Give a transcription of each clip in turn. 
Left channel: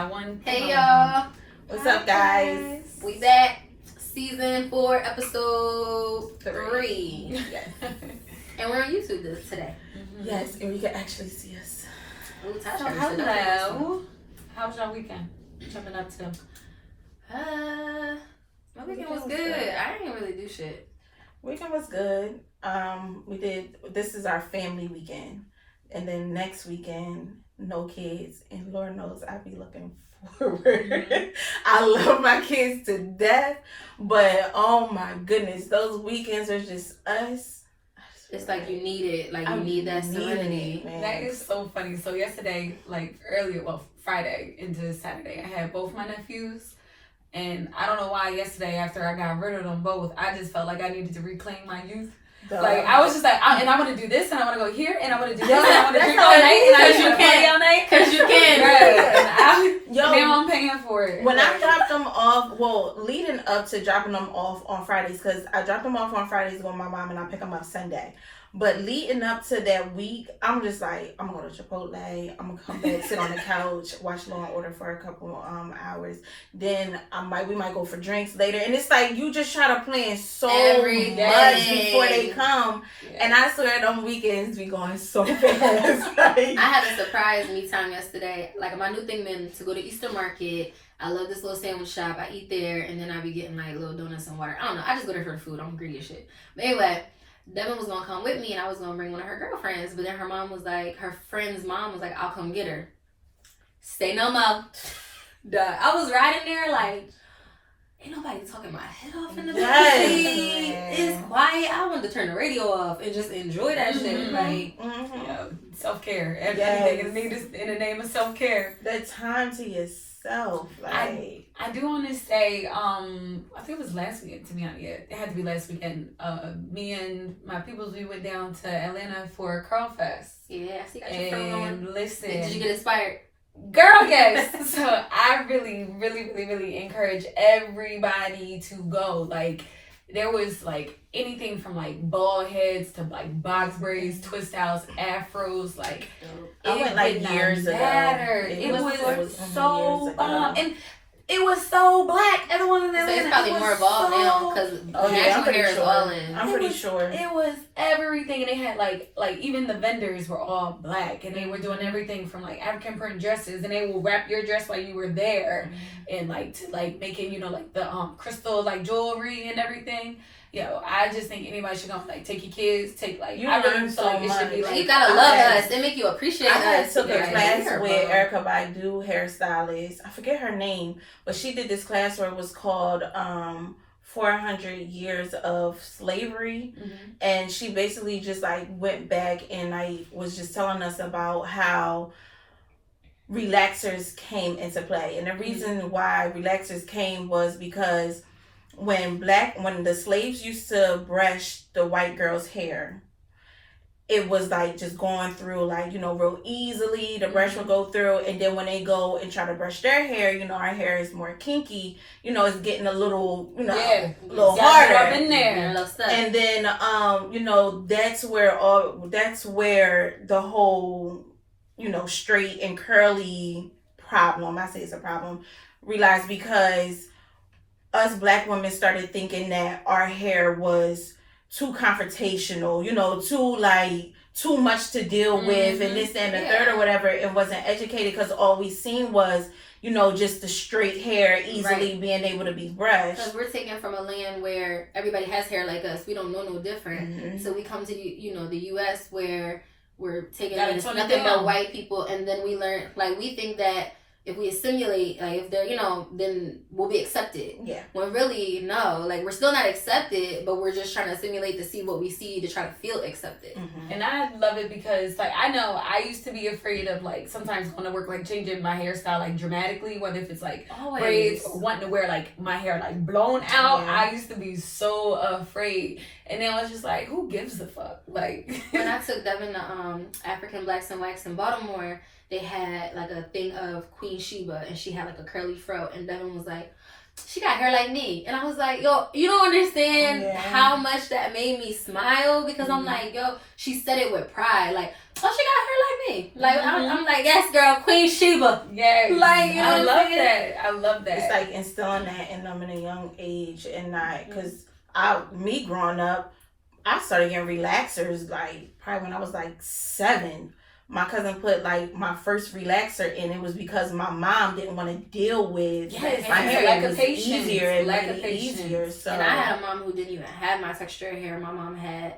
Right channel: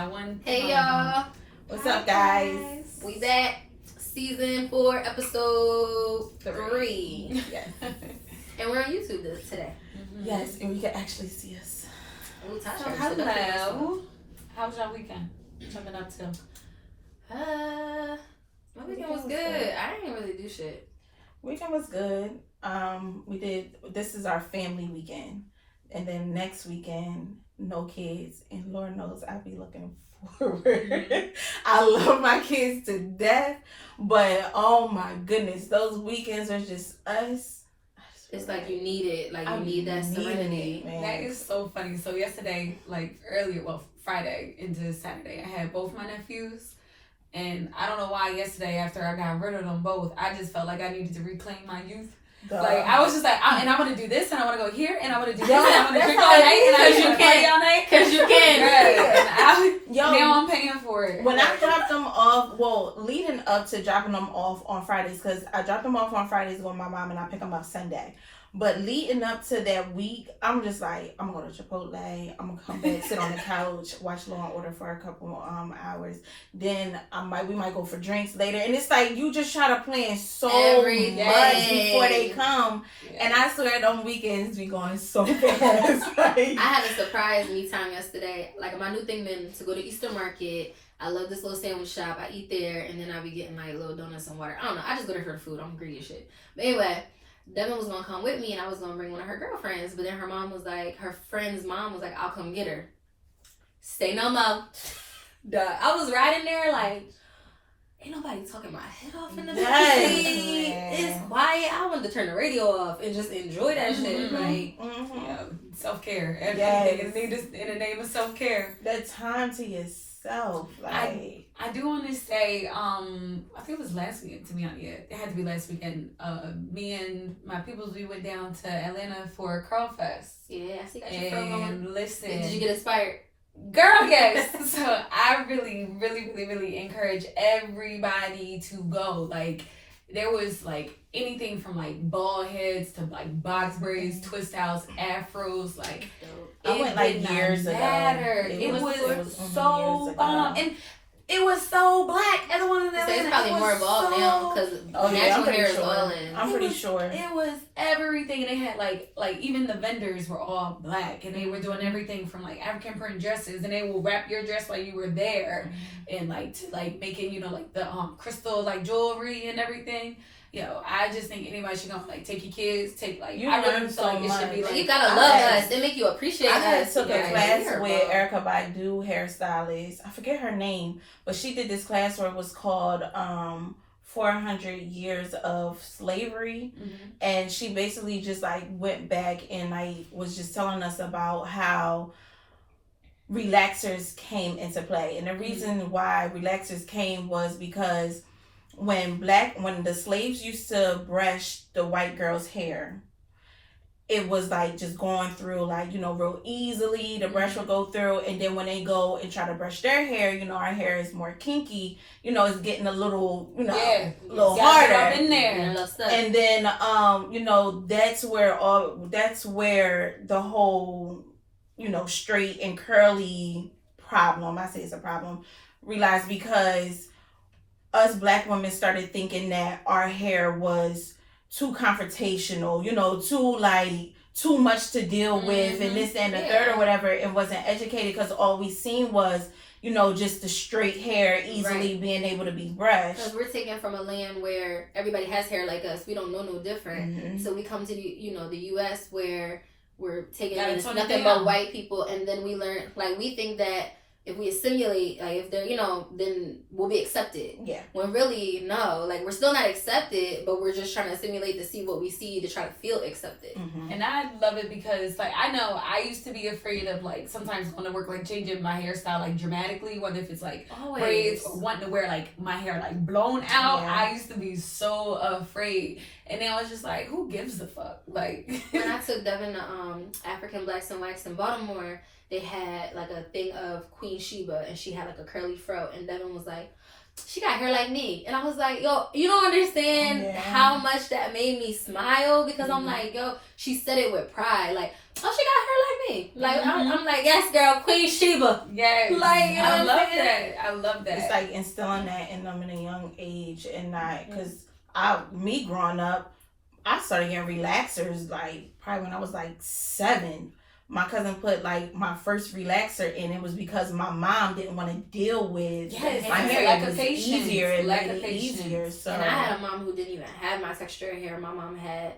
got one. Hey y'all. What's up, guys? We back. Season 4, episode 3. Yes. And we're on YouTube today. Mm-hmm. Yes, and you can actually see us. Ooh, Tasha. So hello. How was your weekend? What you been up to? My weekend was good. I didn't really do shit. Weekend was good. This is our family weekend. And then next weekend, no kids. And Lord knows I'll be looking forward. I love my kids to death. But oh my goodness, those weekends are just us. It's like you need it. Like you need that serenity. Man. That is so funny. So yesterday, Friday into Saturday, I had both my nephews. And I don't know why yesterday after I got rid of them both, I just felt like I needed to reclaim my youth. Like I was just like, I want to do this, and I want to go here, and I want to do this, and I want to drink all night, and I want to party all night, because you can. Right. Now I'm paying for it. When I dropped them off, leading up to dropping them off on Fridays, because I dropped them off on Fridays with my mom, and I pick them up Sunday. But leading up to that week, I'm just like, I'm gonna go to Chipotle. I'm gonna come back, sit on the couch, watch Law and Order for a couple hours. Then we might go for drinks later. And it's like you just try to plan so much before they come. Yeah. And I swear, on weekends be going so fast. I had a surprise me time yesterday. Like my new thing been to go to Easter Market. I love this little sandwich shop. I eat there, and then I be getting like little donuts and water. I don't know. I just go there for the food. I'm greedy as shit. But anyway. Devin was gonna come with me, and I was gonna bring one of her girlfriends, but then her friend's mom was like, I'll come get her. Say no more. Duh. I was riding there like, ain't nobody talking my head off in the back seat. It's quiet. I wanted to turn the radio off and just enjoy that shit. Like, self-care. Everything in the name of self-care. That time to yourself. Like I do want to say, I think it was last weekend, to be honest. Yeah, it had to be last weekend. Me and my peoples, we went down to Atlanta for Curl Fest. Yeah, I see got your phone on. Listen, did you get inspired? Girl, yes. So I really, really, really, really encourage everybody to go. Like, there was like anything from like bald heads to like box braids, twist outs, afros. Like I went like years ago. It was so bomb, and it was so black. Everyone in there. So it's probably more evolved now because natural hair is all in. I'm pretty sure it was everything, and they had like even the vendors were all black, and they were doing everything from like African print dresses, and they will wrap your dress while you were there, and like to like making like the crystal like jewelry and everything. I just think anybody should go like take your kids, I learn so much. You gotta love us. It make you appreciate us. I took a class with Erica Baidu, hairstylist. I forget her name, but she did this class where it was called 400 Years of Slavery. And she basically just like went back and like was just telling us about how relaxers came into play. And the reason why relaxers came was because when the slaves used to brush the white girl's hair, it was like just going through like, real easily. The brush will go through, and then when they go and try to brush their hair, our hair is more kinky, it's getting a little, a little harder up in there. And then that's where the whole, straight and curly problem, I say it's a problem, realized, because us black women started thinking that our hair was too confrontational, too much to deal with, and this and the third or whatever, and wasn't educated because all we seen was, just the straight hair easily being able to be brushed. Because we're taken from a land where everybody has hair like us. We don't know no different. So we come to the U.S. where we're taking nothing but white people, and then we learn, like, we think that if we assimilate, like if they're, then we'll be accepted. Yeah. When really, no, like we're still not accepted, but we're just trying to assimilate to see what we see to try to feel accepted. And I love it because, like, I know I used to be afraid of like sometimes going to work, like changing my hairstyle like dramatically, whether if it's like braids or wanting to wear like my hair like blown out. Yeah. I used to be so afraid. And then I was just like, who gives a fuck? Like when I took Devin to African Blacks and Whites in Baltimore, they had like a thing of Queen Sheba, and she had like a curly fro, and Devin was like, she got hair like me. And I was like, yo, you don't understand how much that made me smile because I'm like, yo, she said it with pride. Like, oh, she got her like me. Like, I'm like, yes, girl, Queen Sheba. Yes. Like, you know I what love I'm saying? that. I love that. It's like instilling that in them in a young age and not, because me growing up, I started getting relaxers like probably when I was like 7. My cousin put like my first relaxer in. It was because my mom didn't want to deal with my hair. It was easier. It made it easier. So. And I had a mom who didn't even have my texture hair. My mom had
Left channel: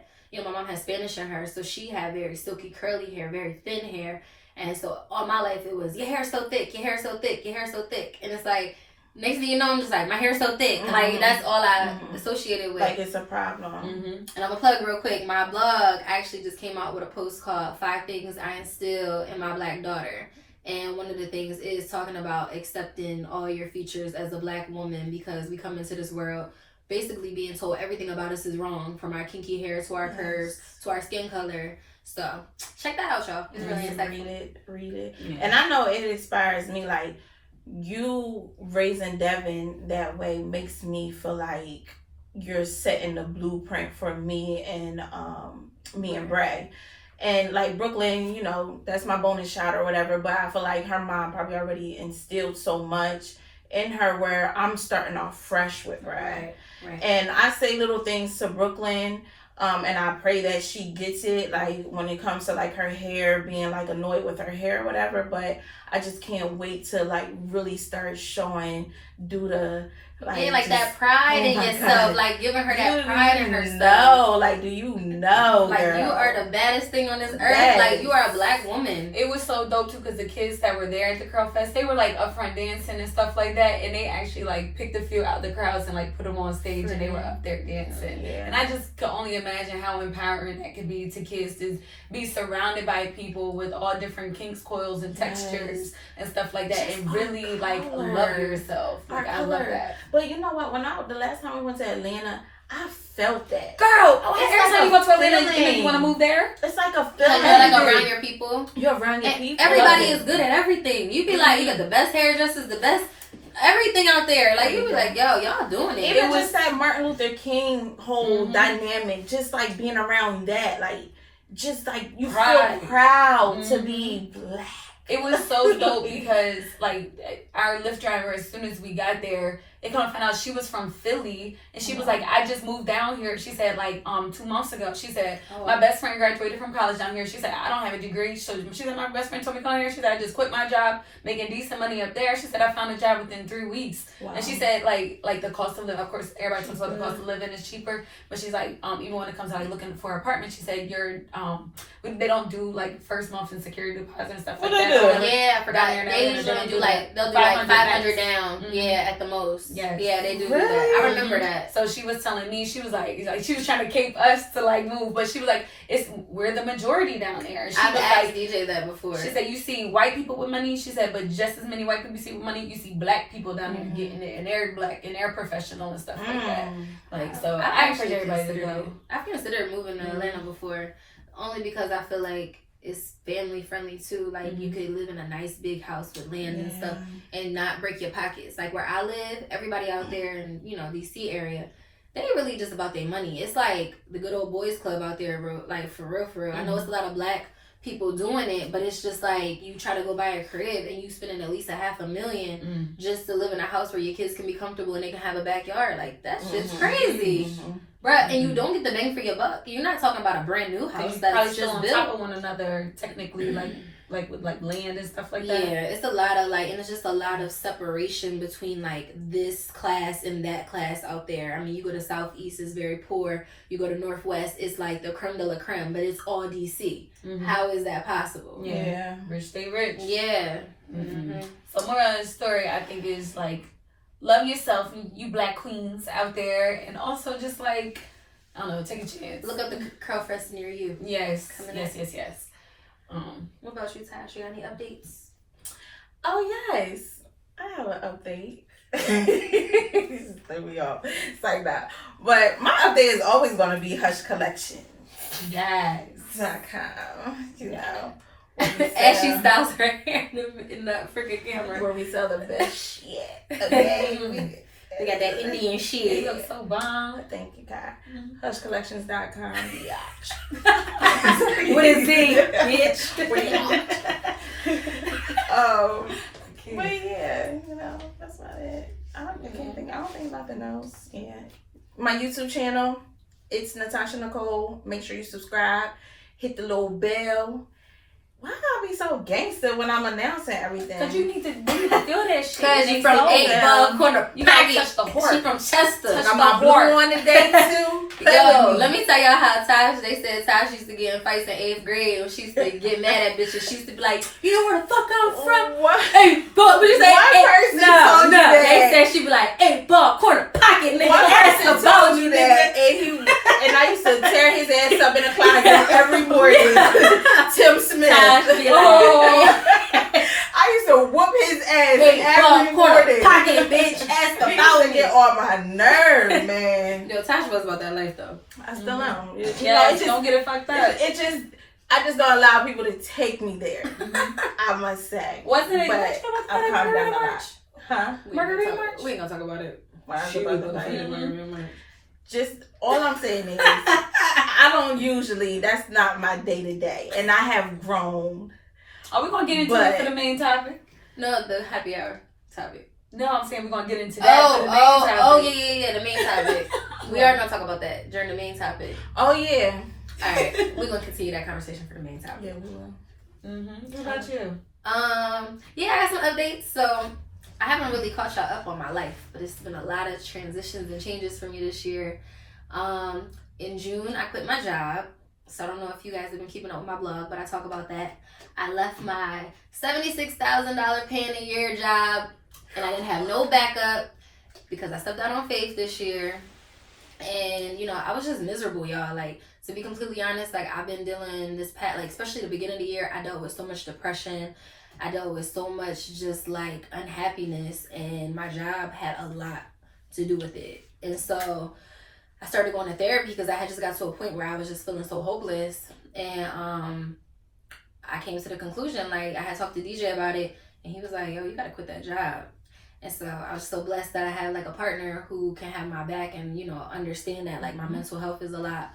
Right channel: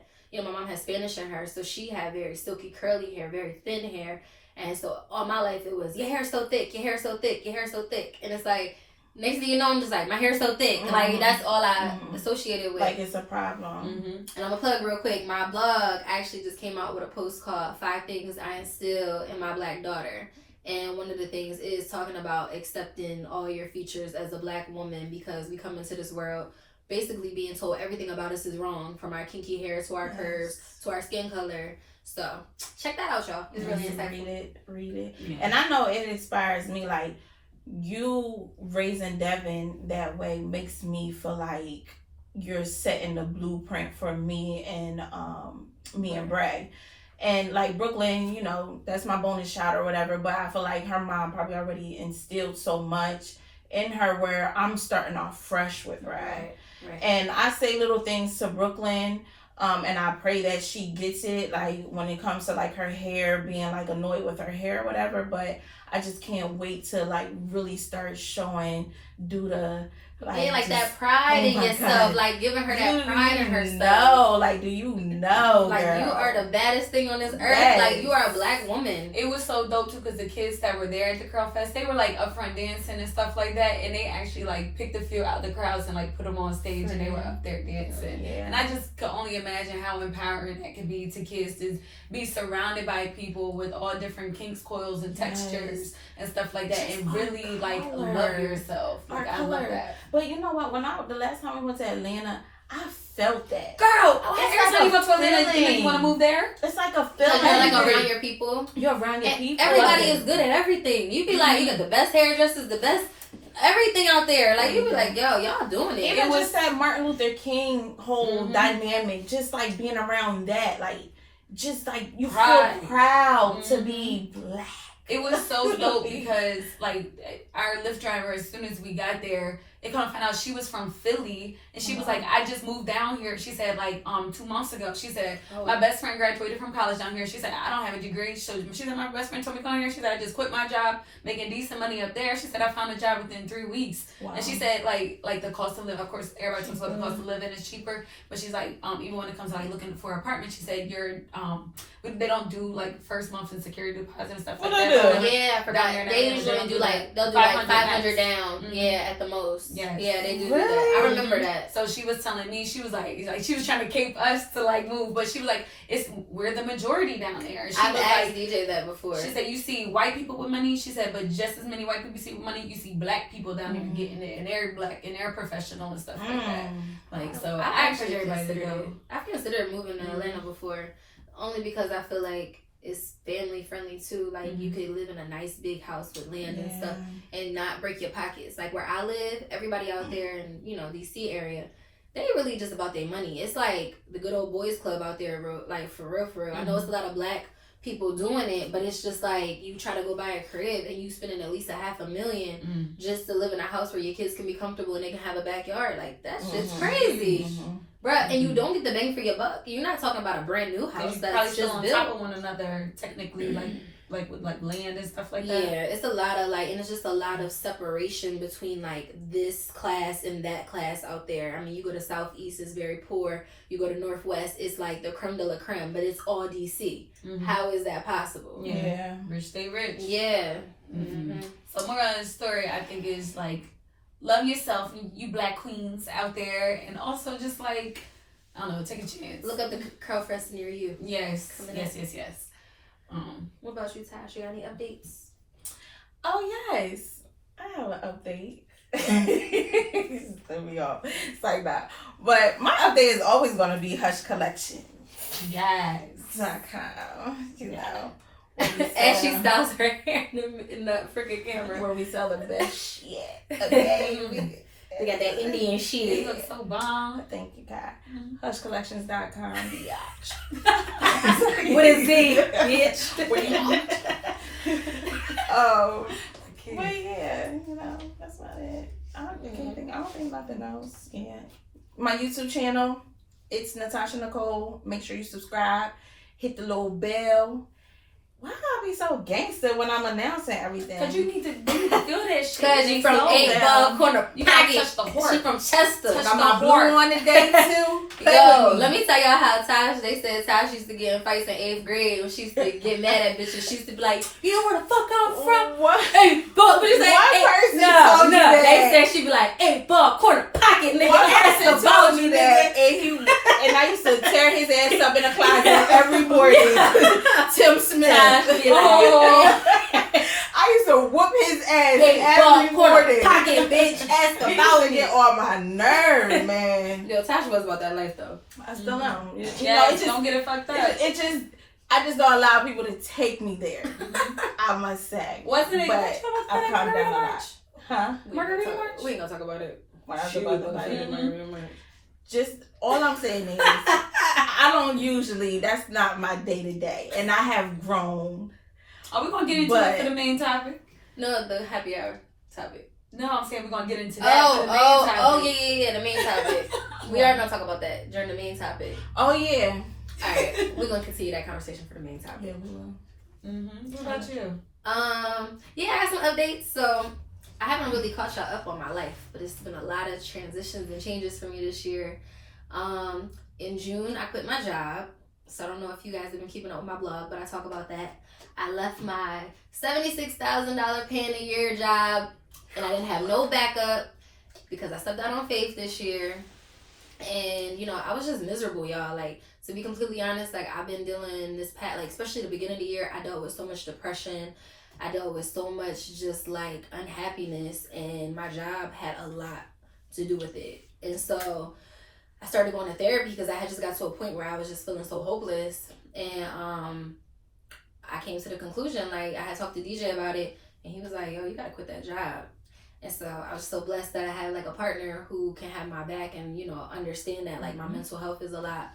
Spanish in her, so she had very silky, curly hair, very thin hair. And so all my life it was, your hair's so thick, your hair's so thick, your hair's so thick. And it's like, next thing you know, I'm just like, my hair's so thick. Like, that's all I associated with. Like, it's a problem. And I'm going to plug real quick. My blog actually just came out with a post called 5 Things I Instill in My Black Daughter. And one of the things is talking about accepting all your features as a Black woman, because we come into this world basically being told everything about us is wrong, from our kinky hair to our curves to our skin color. So check that out, y'all. It's really insightful. Read it. Yeah. And I know it inspires me. Like, you raising Devin that way makes me feel like you're setting the blueprint for me and Bray. And like Brooklyn, you know, that's my bonus shot or whatever, but I feel like her mom probably already instilled so much in her where I'm starting off fresh with Bray. Right. And I say little things to Brooklyn, and I pray that she gets it, like when it comes to like her hair, being like annoyed with her hair or whatever, but I just can't wait to like really start showing like that pride in yourself, God. Like giving her that pride in herself. No, like, do you know, like, girl, you are the baddest thing on this earth. Like, you are a Black woman. It was so dope too, because the kids that were there at the Curl Fest, they were like up front dancing and stuff like that, and they actually like picked a few out of the crowds and like put them on stage, and they were up there dancing. And I just could only imagine how empowering that could be to kids to be surrounded by people with all different kinks, coils, and textures and stuff like that, just and really like love yourself. Like, I love that. But you know what? The last time we went to Atlanta, I felt that. Girl, every time you go to Atlanta, you want to move there? It's like a feeling. Like around your people. You're around your people. Everybody is good at everything. You be like, you got the best hairdressers, the best everything out there. Like, you be like, yo, y'all doing it. It was that Martin Luther King whole dynamic, just like being around that, like, just like you feel proud to be Black. It was so dope because like our Lyft driver, as soon as we got there, they come to find out she was from Philly, and she was like, I just moved down here. She said like 2 months ago. She said my best friend graduated from college down here. She said I don't have a degree. So she said my best friend told me to come here. She said I just quit my job making decent money up there. She said I found a job within 3 weeks. And she said like the cost of living, of course everybody talks about the cost of living is cheaper, but she's like even when it comes to like looking for an apartment, she said they don't do like first month and security deposit and stuff like that. Yeah, I forgot. They usually do like they'll do like 500 down. Yeah, at the most. Yes. Yeah, they do that. I remember that. So she was telling me, she was like she was trying to keep us to like move, but she was like, we're the majority down there. I've asked DJ that before. She said you see white people with money. She said, but just as many white people you see with money, you see Black people down there getting it, and they're Black and they're professional and stuff like that. Like, so I encourage everybody to go. I've considered moving to Atlanta before, only because I feel like it's family friendly too. Like you could live in a nice big house with land and stuff and not break your pockets. Like where I live, everybody out there in, DC area, they really just about their money. It's like the good old boys club out there, like for real. I know it's a lot of Black people doing it, but it's just like you try to go buy a crib and you spending at least $500,000 just to live in a house where your kids can be comfortable and they can have a backyard. Like that's just crazy. Bruh, and you don't get the bang for your buck. You're not talking about a brand new house that's just on built top of one another, technically, like with like land and stuff like that. Yeah, it's a lot of and it's just a lot of separation between like this class and that class out there. I mean, you go to Southeast, it's very poor. You go to Northwest, it's like the creme de la creme, but it's all DC. How is that possible? Yeah, rich stay rich. Yeah. So more of the story, I think, is like, love yourself, you Black queens out there, and also just like, I don't know, take a chance. Look up the Curl Fest near you. Yes. Yes. What about you, Tash? You got any updates? Oh yes, I have an update. There we go. It's like that. But my update is always going to be Hush Collection. Yes. .com, And she styles her hair in the freaking camera. Where we sell the best shit. Okay. They got that Indian You shit. look so bomb. Thank you, God. Hushcollections.com. What is it, bitch? What do you want? But yeah, that's about it. I don't think nothing else. Yeah. My YouTube channel, it's Natasha Nicole. Make sure you subscribe. Hit the little bell. Why I be so gangster when I'm announcing everything? Cause you need to feel that shit. Cause you from 8 corner. You gotta touch the heart. She from Chester. Touch I'm my a blue heart. on today too. Yo, let me tell y'all how they said Tash used to get in fights in 8th grade when she used to get mad at bitches. She used to be like, you know where the fuck I'm from? What? Hey, but you say, One person told you that. They said she'd be like, 8 corner pocket, nigga. One That's person about told me, you nigga. that, and I used to tear his ass up in the closet every morning. Tim Smith. Tash would be like, I used to whoop his ass every corner morning. pocket, bitch. Ask He used about to me. get on my nerves, man. Yo, Tash was about that life though. I still am. You know, Yeah, it just don't get it fucked up. I just don't allow people to take me there. I must say. Wasn't it? But I calmed down a lot. Huh? Margarita March? We ain't gonna talk about it. When I was She about was to gonna like, say Margarita March. just all I'm saying is I don't usually, that's not my day to day. And I have grown. Are we gonna get into it for the main topic? No, the happy hour topic. No, I'm saying we're gonna get into that for the main topic. Yeah, the main topic. We are gonna talk about that during the main topic. Oh yeah. Alright, we're gonna continue that conversation for the main topic. Yeah, we will. What about you? Yeah, I got some updates. So I haven't really caught y'all up on my life, but it's been a lot of transitions and changes for me this year. In June, I quit my job. So I don't know if you guys have been keeping up with my blog, but I talk about that. I left my $76,000 paying a year job, and I didn't have no backup because I stepped out on faith this year. And, I was just miserable, y'all. Like, to be completely honest, like, I've been dealing this like, especially the beginning of the year, I dealt with so much depression. I dealt with so much just, like, unhappiness, and my job had a lot to do with it. And so I started going to therapy because I had just got to a point where I was just feeling so hopeless. And, I came to the conclusion, like, I had talked to DJ about it, and he was like, yo, you gotta quit that job. And so I was so blessed that I had, like, a partner who can have my back and, understand that, like, my mental health is a lot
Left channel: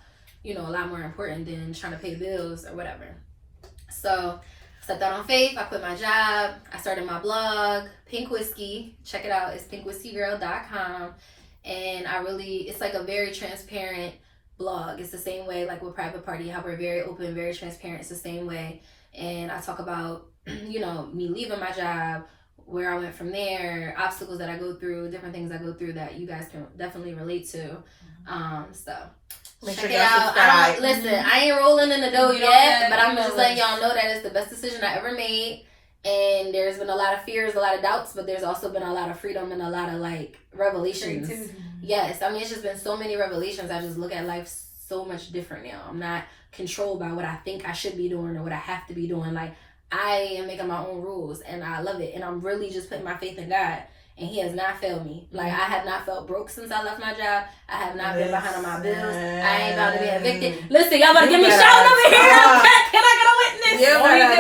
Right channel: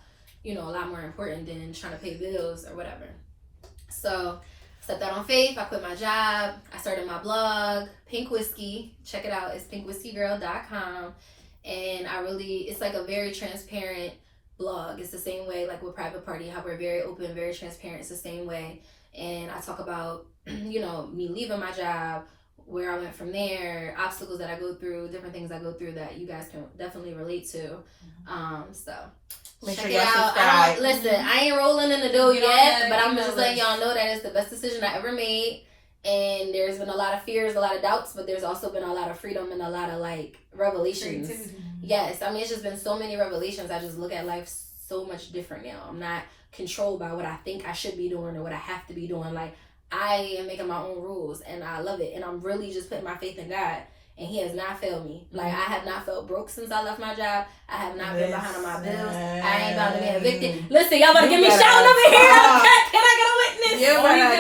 more important than trying to pay bills or whatever. So I stepped out on faith. I quit my job. I started my blog, Pink Whiskey. Check it out. It's pinkwhiskeygirl.com. And it's like a very transparent blog. It's the same way, like, with Private Party, how we're very open, very transparent. It's the same way. And I talk about, me leaving my job, where I went from there, obstacles that I go through, different things I go through that you guys can definitely relate to. So Make check sure it out. subscribe. I ain't rolling in the dough yet, but I'm email just letting us. y'all know that it's the best decision I ever made. And there's been a lot of fears, a lot of doubts, but there's also been a lot of freedom and a lot of, like, revelations. Yes, I mean, it's just been so many revelations. I just look at life so much different now. I'm not controlled by what I think I should be doing or what I have to be doing. Like, I am making my own rules, and I love it. And I'm really just putting my faith in God, and He has not failed me. Like, I have not felt broke since I left my job. I have not been behind on my bills. I ain't about to be evicted. Listen, y'all better give me shouting over here. Can I get a witness? You better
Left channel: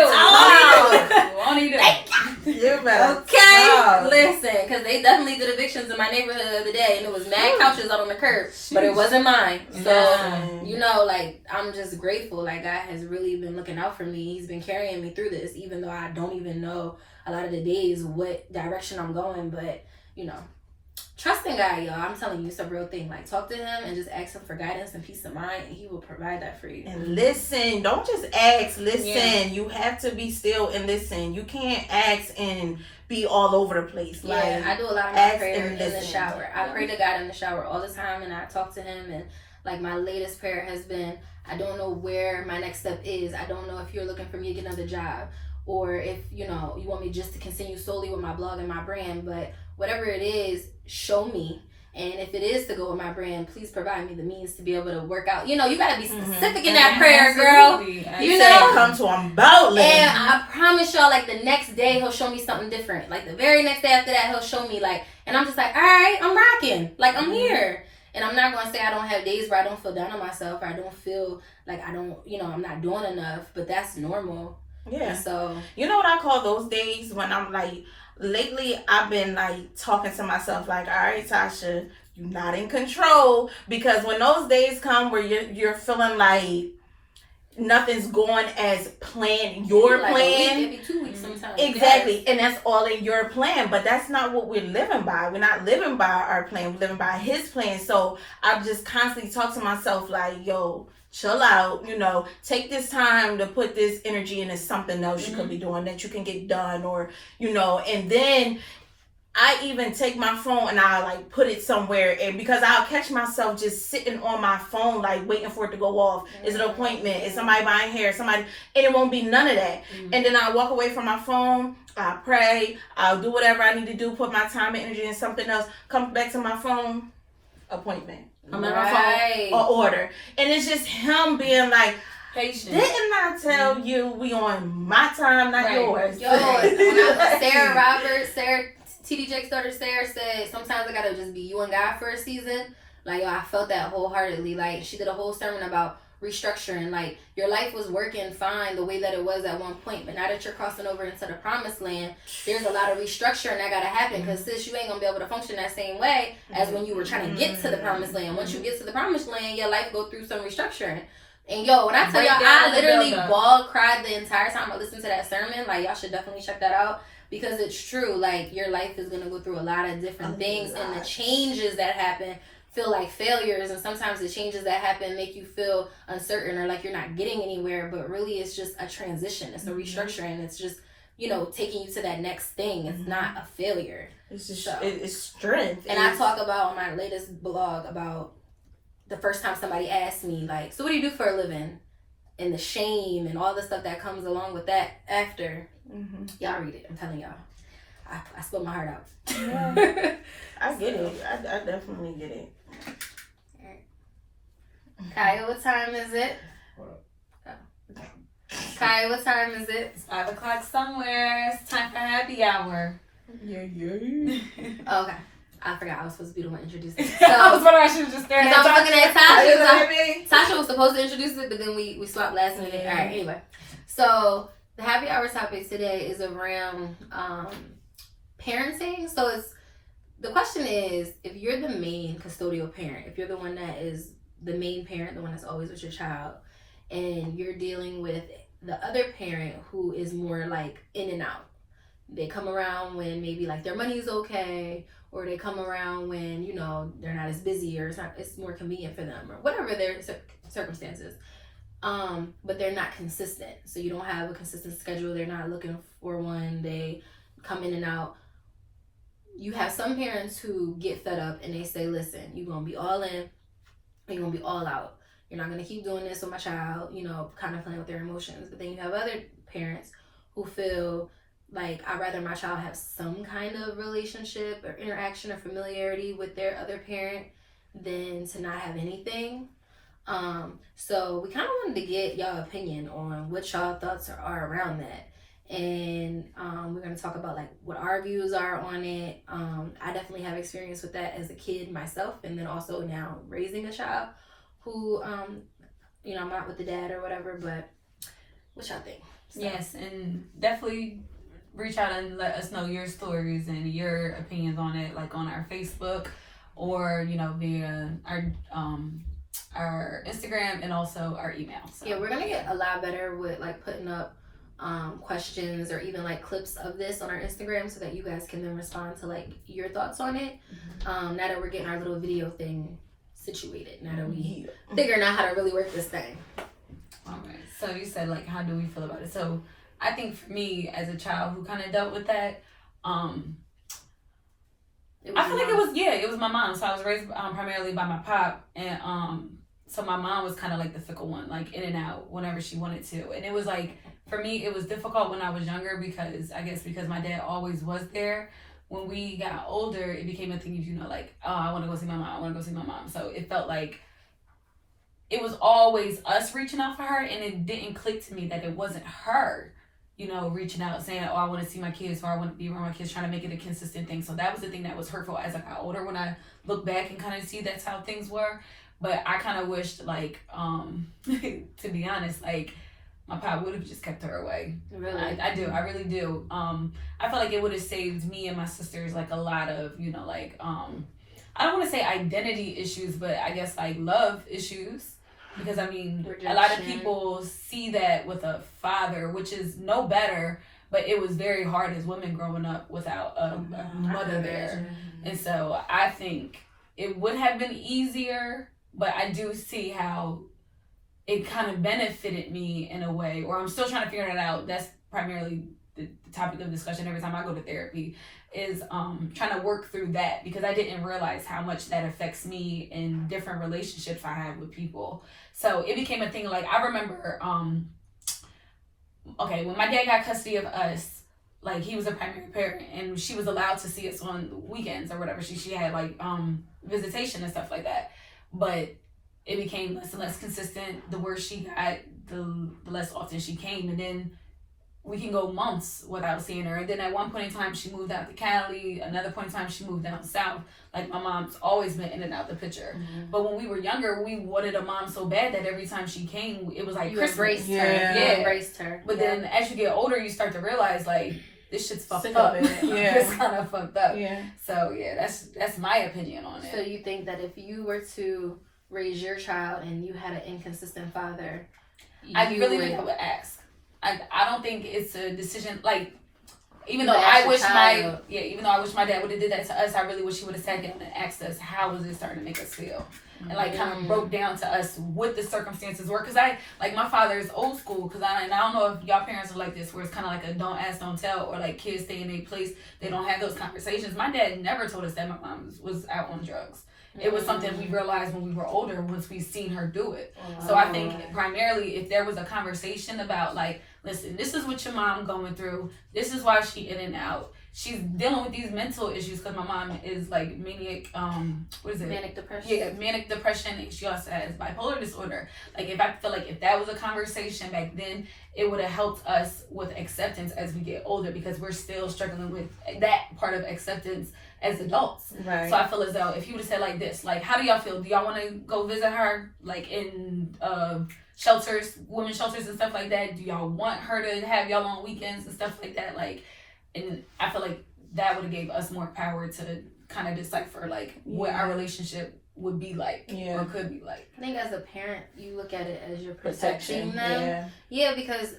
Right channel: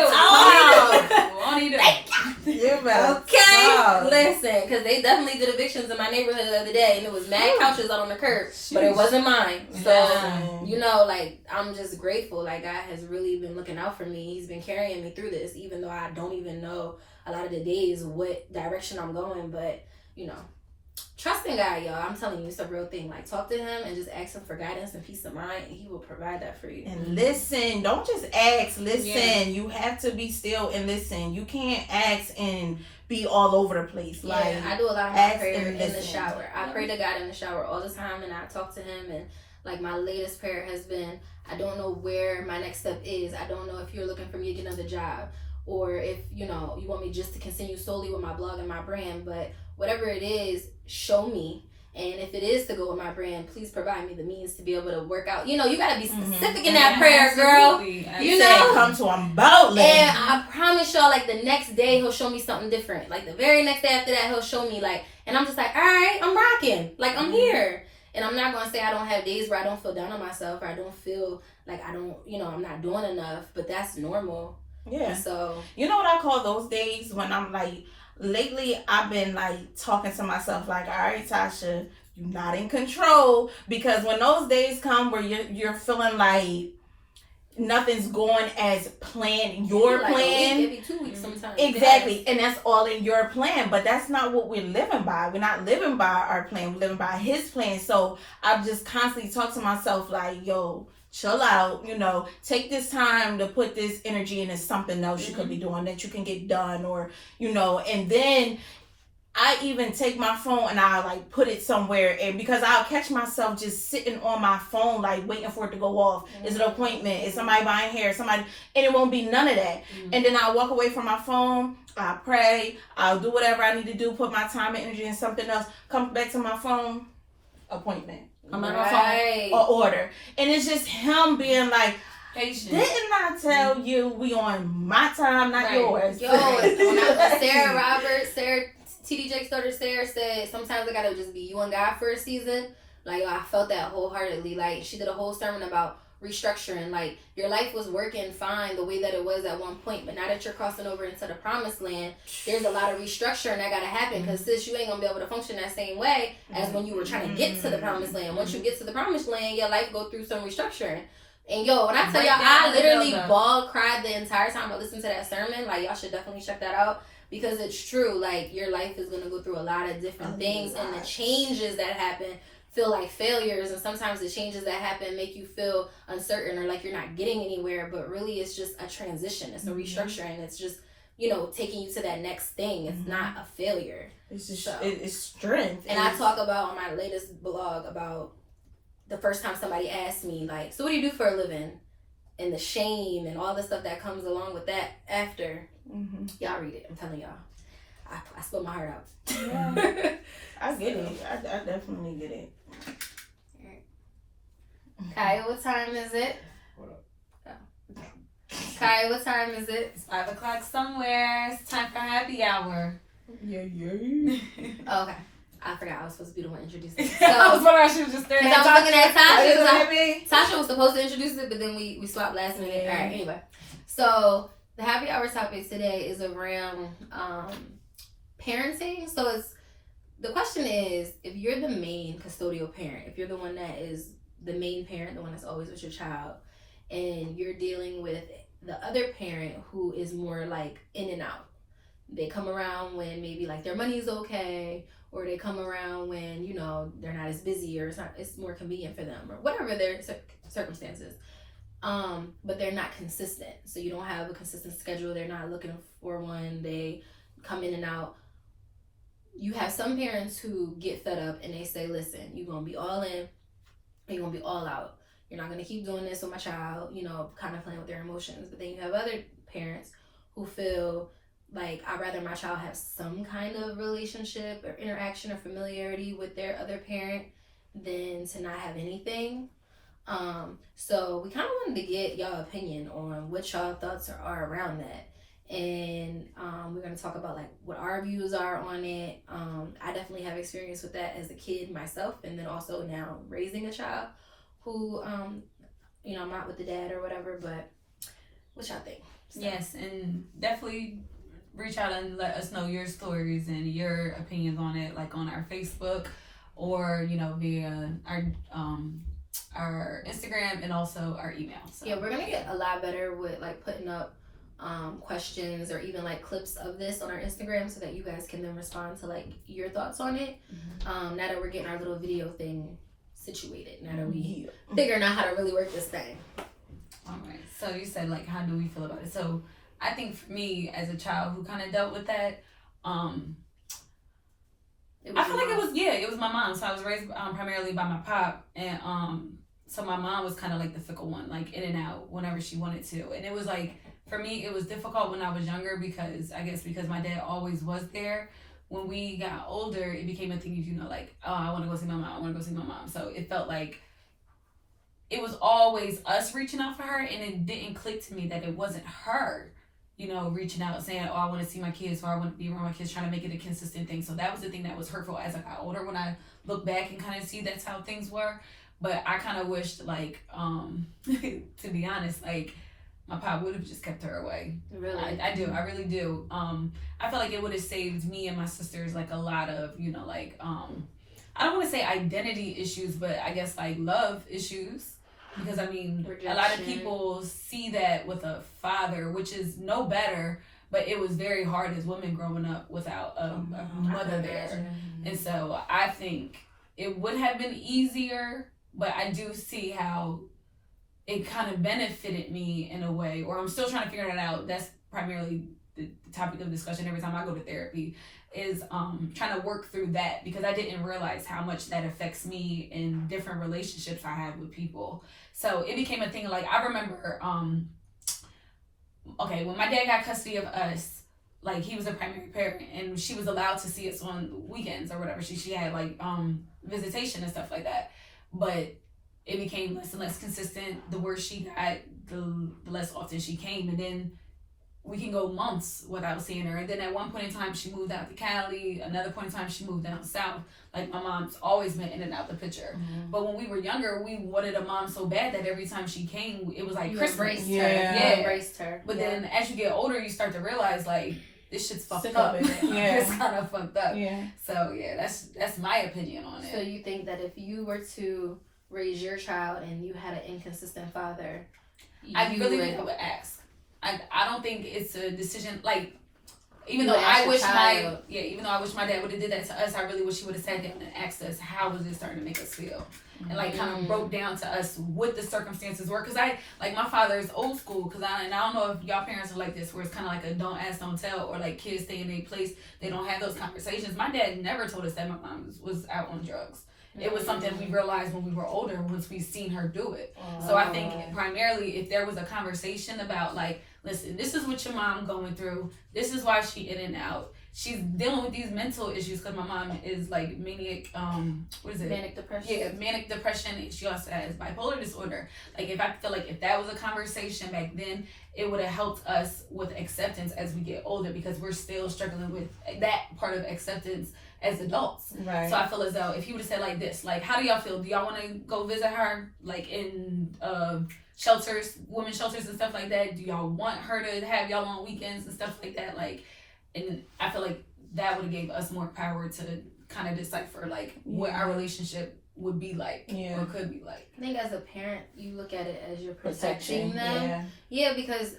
Okay, listen, because they definitely did evictions in my neighborhood the other day, and it was mad couches out on the curb, but it wasn't mine. So, like, I'm just grateful. Like, God has really been looking out for me. He's been carrying me through this, even though I don't even know a lot of the days what direction I'm going. But, trust in God, y'all. I'm telling you, it's a real thing. Like, talk to Him and just ask Him for guidance and peace of mind, and He will provide that for you. And listen, don't just ask, listen. Yeah. You have to be still and listen. You can't ask and be all over the place. Yeah, like, I do a lot of my prayer in the shower. I pray to God in the shower all the time, and I talk to Him. And, like, my latest prayer has been, I don't know where my next step is. I don't know if you're looking for me to get another job, or if, you want me just to continue solely with my blog and my brand. But whatever it is, show me. And if it is to go with my brand, please provide me the means to be able to work out. You gotta be specific in that prayer, girl. You know, come to Him boldly. And I promise y'all, like, the next day He'll show me something different. Like, the very next day after that, He'll show me, like, and I'm just like, all right, I'm rocking. Like, I'm here. And I'm not gonna say I don't have days where I don't feel down on myself, or I don't feel like I'm not doing enough. But that's normal. Yeah. And so, you know what I call those days when I'm like, lately I've been like talking to myself like, all right, Tasha, you're not in control, because when those days come where you're feeling like nothing's going as planned, your like plan, maybe 2 weeks sometimes. exactly, and that's all in your plan, but that's not what we're living by. We're not living by our plan, we're living by his plan. So I just constantly talk to myself like, yo, chill out, take this time to put this energy into something else you could be doing that you can get done, or and then I even take my phone and I like put it somewhere, and because I'll catch myself just sitting on my phone like waiting for it to go off. Is it an appointment? Is somebody buying hair? And it won't be none of that. And then I walk away from my phone, I pray, I'll do whatever I need to do, put my time and energy in something else, come back to my phone, appointment. I'm on my phone or order. And it's just him being like, patient. Didn't I tell you we on my time, not yours? Yo, Sarah TD Jake's daughter Sarah said, sometimes I gotta just be you and God for a season. Like, yo, I felt that wholeheartedly. Like, she did a whole sermon about restructuring. Like, your life was working fine the way that it was at one point, but now that you're crossing over into the promised land, there's a lot of restructuring that gotta happen, because sis, you ain't gonna be able to function that same way as when you were trying to get to the promised land. Once you get to the promised land, your life go through some restructuring. And yo, when I tell y'all, I literally cried the entire time I listened to that sermon. Like, y'all should definitely check that out, because it's true. Like, your life is gonna go through a lot of different things, and the changes that happen feel like failures, and sometimes the changes that happen make you feel uncertain or like you're not getting anywhere, but really it's just a transition. It's a restructuring. It's just, taking you to that next thing. It's not a failure. It's just it's strength. And I talk about on my latest blog about the first time somebody asked me, like, so what do you do for a living? And the shame and all the stuff that comes along with that after. Y'all read it. I'm telling y'all. I spilled my heart out. Yeah. I get it. I definitely get it. Kiaya, what time is it? What up? Oh. Kiaya, what time is it? It's 5 o'clock somewhere. It's time for happy hour. Yeah. Oh, okay. I forgot I was supposed to be the one introducing it. I was wondering, she was just staring at I was looking at Tasha. Tasha was supposed to introduce it, but then we swapped last minute. All right, anyway. So the happy hour topic today is around parenting. So the question is, if you're the main custodial parent, if you're the one that is the main parent, the one that's always with your child, and you're dealing with the other parent who is more like in and out. They come around when maybe like their money's okay, or they come around when, they're not as busy, or it's more convenient for them, or whatever their circumstances. But they're not consistent. So you don't have a consistent schedule. They're not looking for one. They come in and out. You have some parents who get fed up and they say, listen, you're going to be all in, or you're going to be all out. You're not going to keep doing this with my child, kind of playing with their emotions. But then you have other parents who feel like, I'd rather my child have some kind of relationship or interaction or familiarity with their other parent than to not have anything. So we kind of wanted to get y'all opinion on what y'all thoughts are around that. And we're going to talk about like what our views are on it. I definitely have experience with that as a kid myself, and then also now raising a child who, I'm not with the dad or whatever, but what y'all think? So. Yes, and definitely reach out and let us know your stories and your opinions on it, like on our Facebook or, via our Instagram and also our email. So. Yeah, we're going to get a lot better with like putting up questions or even like clips of this on our Instagram so that you guys can then respond to like your thoughts on it. Now that we're getting our little video thing situated, now that we figuring out how to really work this thing. All right. So you said like, how do we feel about it? So I think for me as a child who kind of dealt with that, I feel like it was my mom. So I was raised primarily by my pop, and so my mom was kind of like the fickle one, like in and out whenever she wanted to. And it was like, for me, it was difficult when I was younger because my dad always was there. When we got older, it became a thing, like, oh, I want to go see my mom. So it felt like it was always us reaching out for her, and it didn't click to me that it wasn't her, reaching out saying, oh, I want to see my kids, or I want to be around my kids, trying to make it a consistent thing. So that was the thing that was hurtful as I got older, when I look back and kind of see that's how things were. But I kind of wished, like, to be honest, like, my pop would have just kept her away. Really? I do. I really do. I feel like it would have saved me and my sisters like a lot of, you know, like I don't want to say identity issues, but I guess like love issues. Because I mean, Rejection. A lot of people see that with a father, which is no better, but it was very hard as women growing up without a mother there. And so I think it would have been easier, but I do see how it kind of benefited me in a way, or I'm still trying to figure that out. That's primarily the topic of discussion every time I go to therapy, is trying to work through that, because I didn't realize how much that affects me in different relationships I have with people. So it became a thing. Like I remember, when my dad got custody of us, like he was a primary parent and she was allowed to see us on weekends or whatever. She had like visitation and stuff like that, but it became less and less consistent. The worse she got, the less often she came, and then we can go months without seeing her. And then at one point in time, she moved out to Cali. Another point in time, she moved down south. Like my mom's always been in and out the picture. Mm-hmm. But when we were younger, we wanted a mom so bad that every time she came, it was like you Christmas. Embraced her. Yeah, embraced her. But then as you get older, you start to realize like this shit's fucked up. It's kind of fucked up. Yeah. So yeah, that's my opinion on it. So you think that if you were to raise your child and you had an inconsistent father, I really think I would ask. I don't think it's a decision like, even though I wish my dad would have did that to us, I really wish he would have sat down and asked us how was it starting to make us feel, and like kind of broke down to us what the circumstances were. Because my father is old school, because I don't know if y'all parents are like this, where it's kind of like a don't ask, don't tell, or like kids stay in their place, they don't have those conversations. My dad never told us that my mom was out on drugs. It was something we realized when we were older, once we seen her do it. So I think primarily if there was a conversation about like, listen, this is what your mom going through. This is why she in and out. She's dealing with these mental issues because my mom is like manic, Manic depression. Yeah, manic depression. And she also has bipolar disorder. Like I feel like if that was a conversation back then, it would have helped us with acceptance as we get older, because we're still struggling with that part of acceptance as adults. Right. So I feel as though if he would have said like this, like, how do y'all feel? Do y'all want to go visit her like in shelters, women's shelters and stuff like that? Do y'all want her to have y'all on weekends and stuff like that? Like, and I feel like that would have gave us more power to kind of decipher like what our relationship would be like or could be like. I think as a parent, you look at it as you're protecting them. Yeah, because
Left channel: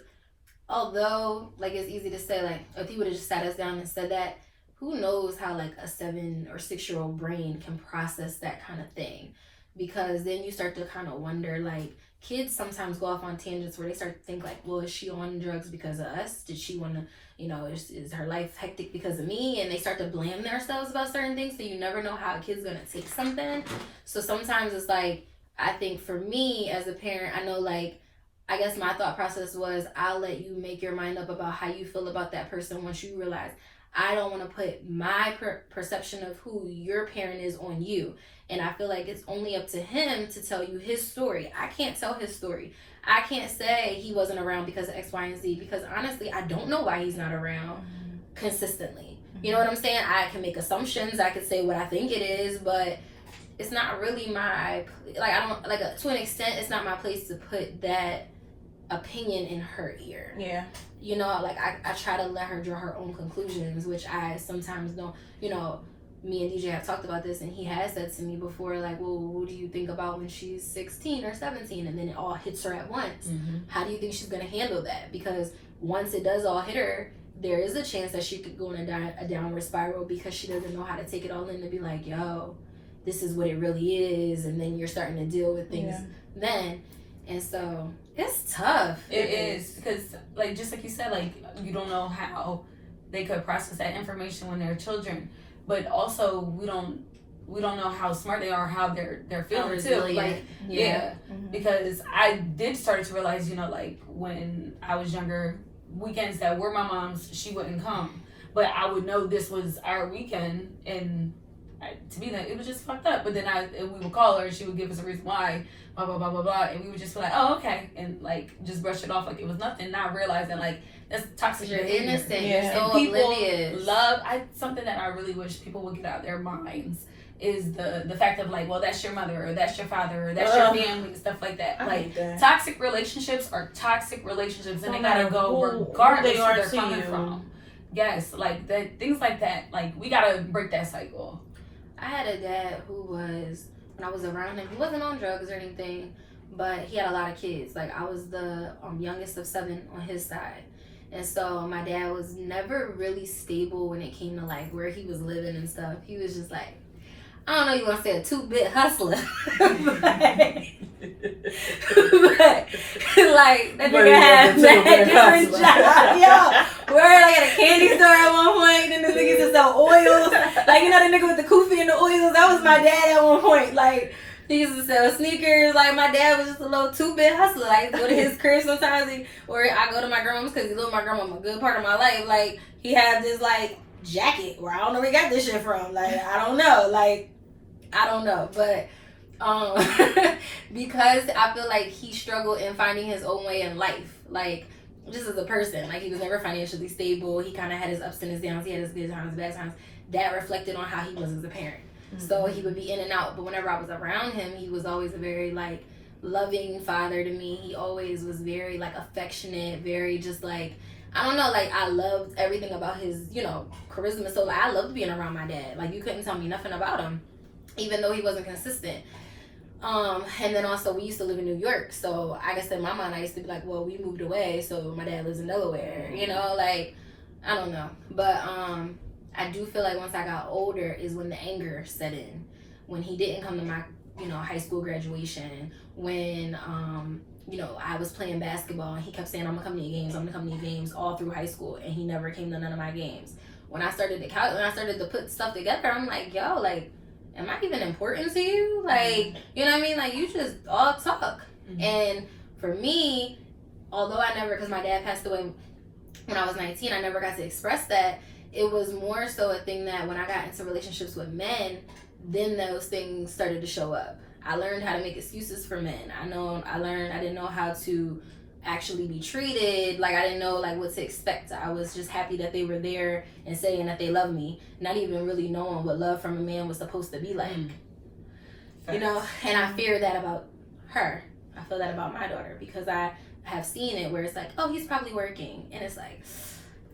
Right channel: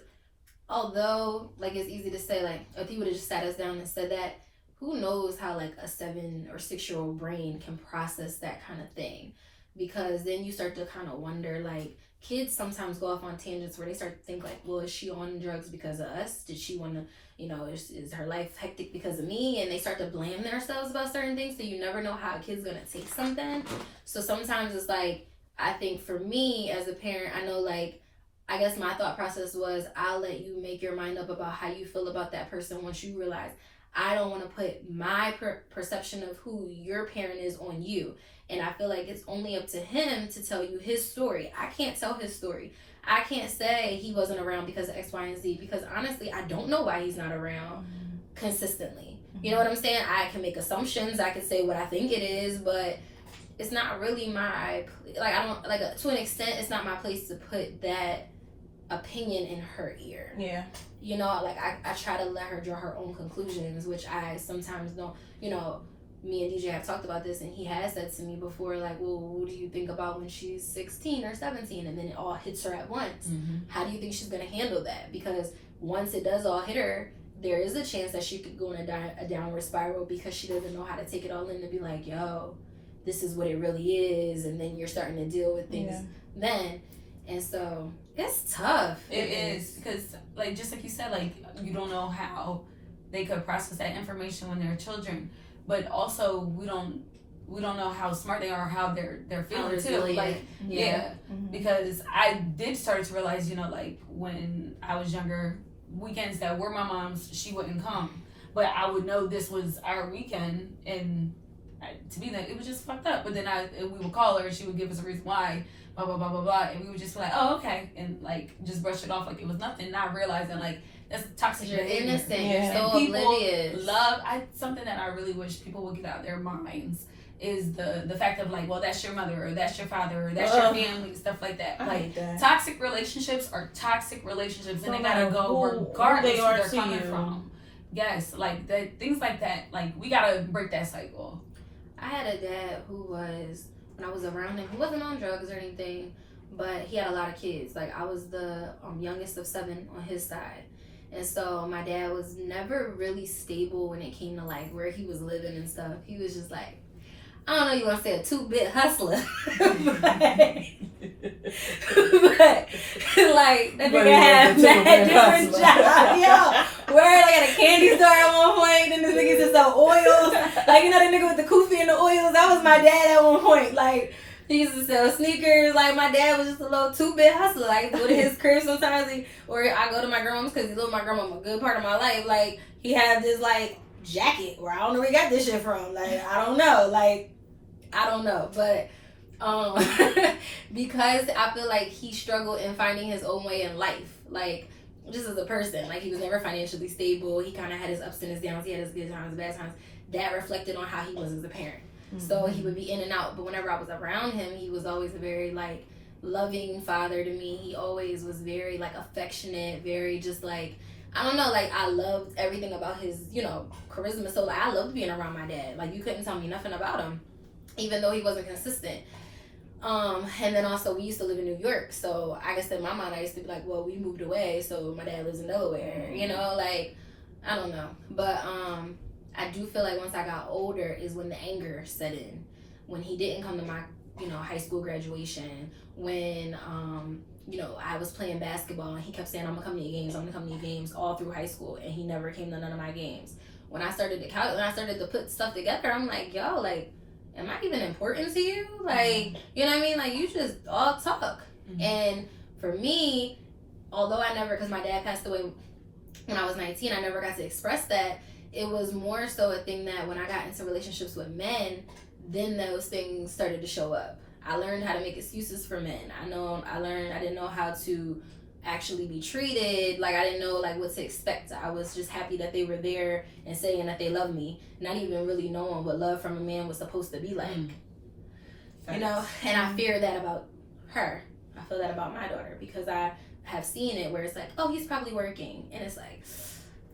although like it's easy to say like if he would have just sat us down and said that, who knows how like a 7 or 6-year-old brain can process that kind of thing? Because then you start to kind of wonder, like, kids sometimes go off on tangents where they start to think like, well, is she on drugs because of us? Did she want to, is her life hectic because of me? And they start to blame themselves about certain things. So you never know how a kid's going to take something. So sometimes it's like, I think for me as a parent, I know like, I guess my thought process was, I'll let you make your mind up about how you feel about that person once you realize I don't want to put my perception of who your parent is on you. And I feel like it's only up to him to tell you his story. I can't tell his story. I can't say he wasn't around because of X, Y, and Z, because honestly, I don't know why he's not around consistently. You know what I'm saying? I can make assumptions. I can say what I think it is, but it's not really my, like, I don't, like, to an extent, it's not my place to put that opinion in her ear. Yeah. Like I try to let her draw her own conclusions, which I sometimes don't. Me and DJ have talked about this, and he has said to me before, like, well, what do you think about when she's 16 or 17 and then it all hits her at once? Mm-hmm. How do you think she's going to handle that? Because once it does all hit her, there is a chance that she could go in a downward spiral because she doesn't know how to take it all in to be like, yo, this is what it really is. And then you're starting to deal with things then. And so it's tough. It is, because like just like you said, like you don't know how they could process that information when they're children, but also we don't know how smart they are, how they're feeling too. Like because I did start to realize, like when I was younger, weekends that were my mom's, she wouldn't come, but I would know this was our weekend, and to me that it was just fucked up. But then we would call her and she would give us a reason why. Blah, blah, blah, blah, blah. And we would just be like, oh, okay. And like, just brush it off like it was nothing. Not realizing like, that's toxic behavior. Innocent. You're so people oblivious. something that I really wish people would get out of their minds is the fact of like, well, that's your mother or that's your father or that's your family, stuff like that. Like toxic relationships are toxic relationships, and they gotta go regardless of where they're coming from. Yes, like things like that. Like we gotta break that cycle. I had a dad who was, when I was around him, he wasn't on drugs or anything, but he had a lot of kids. Like I was the youngest of 7 on his side. And so my dad was never really stable when it came to like where he was living and stuff. He was just like, I don't know, you want to say a 2-bit hustler. but like that nigga had different jobs. Yo, where I got a candy store at one point, then this nigga used to sell oils. Like, you know the nigga with the kufi and the oils? That was my dad at one point. Like, he used to sell sneakers. Like, my dad was just a little 2-bit hustler. Like, go to his crib sometimes, or I go to my grandma's because he lived with my grandma a good part of my life. Like, he had this, like, jacket where I don't know where he got this shit from. Like, I don't know. Like, I don't know. But, because I feel like he struggled in finding his own way in life. Like, just as a person. Like, he was never financially stable. He kind of had his ups and his downs. He had his good times, bad times. That reflected on how he was as a parent. So he would be in and out, but whenever I was around him, he was always a very like loving father to me. He always was very like affectionate, very just like, I don't know, like I loved everything about his, you know, charisma. So like I loved being around my dad. Like you couldn't tell me nothing about him, even though he wasn't consistent. And then also we used to live in New York, so I guess in my mind I used to be like, well, we moved away, so my dad lives in Delaware, you know, like I don't know, but I do feel like once I got older is when the anger set in. When he didn't come to my, you know, high school graduation. When, you know, I was playing basketball and he kept saying, I'm going to come to your games, I'm going to come to your games all through high school. And he never came to none of my games. When I started to put stuff together, I'm like, yo, like, am I even important to you? Like, you know what I mean? Like, you just all talk. And for me, although I never, because my dad passed away when I was 19, I never got to express that. It was more so a thing that when I got into relationships with men, then those things started to show up. I learned how to make excuses for men. I didn't know how to actually be treated. Like I didn't know like what to expect. I was just happy that they were there and saying that they love me, not even really knowing what love from a man was supposed to be like. You know, and I fear that about her. I feel that about my daughter because I have seen it where it's like, oh, he's probably working, and it's like,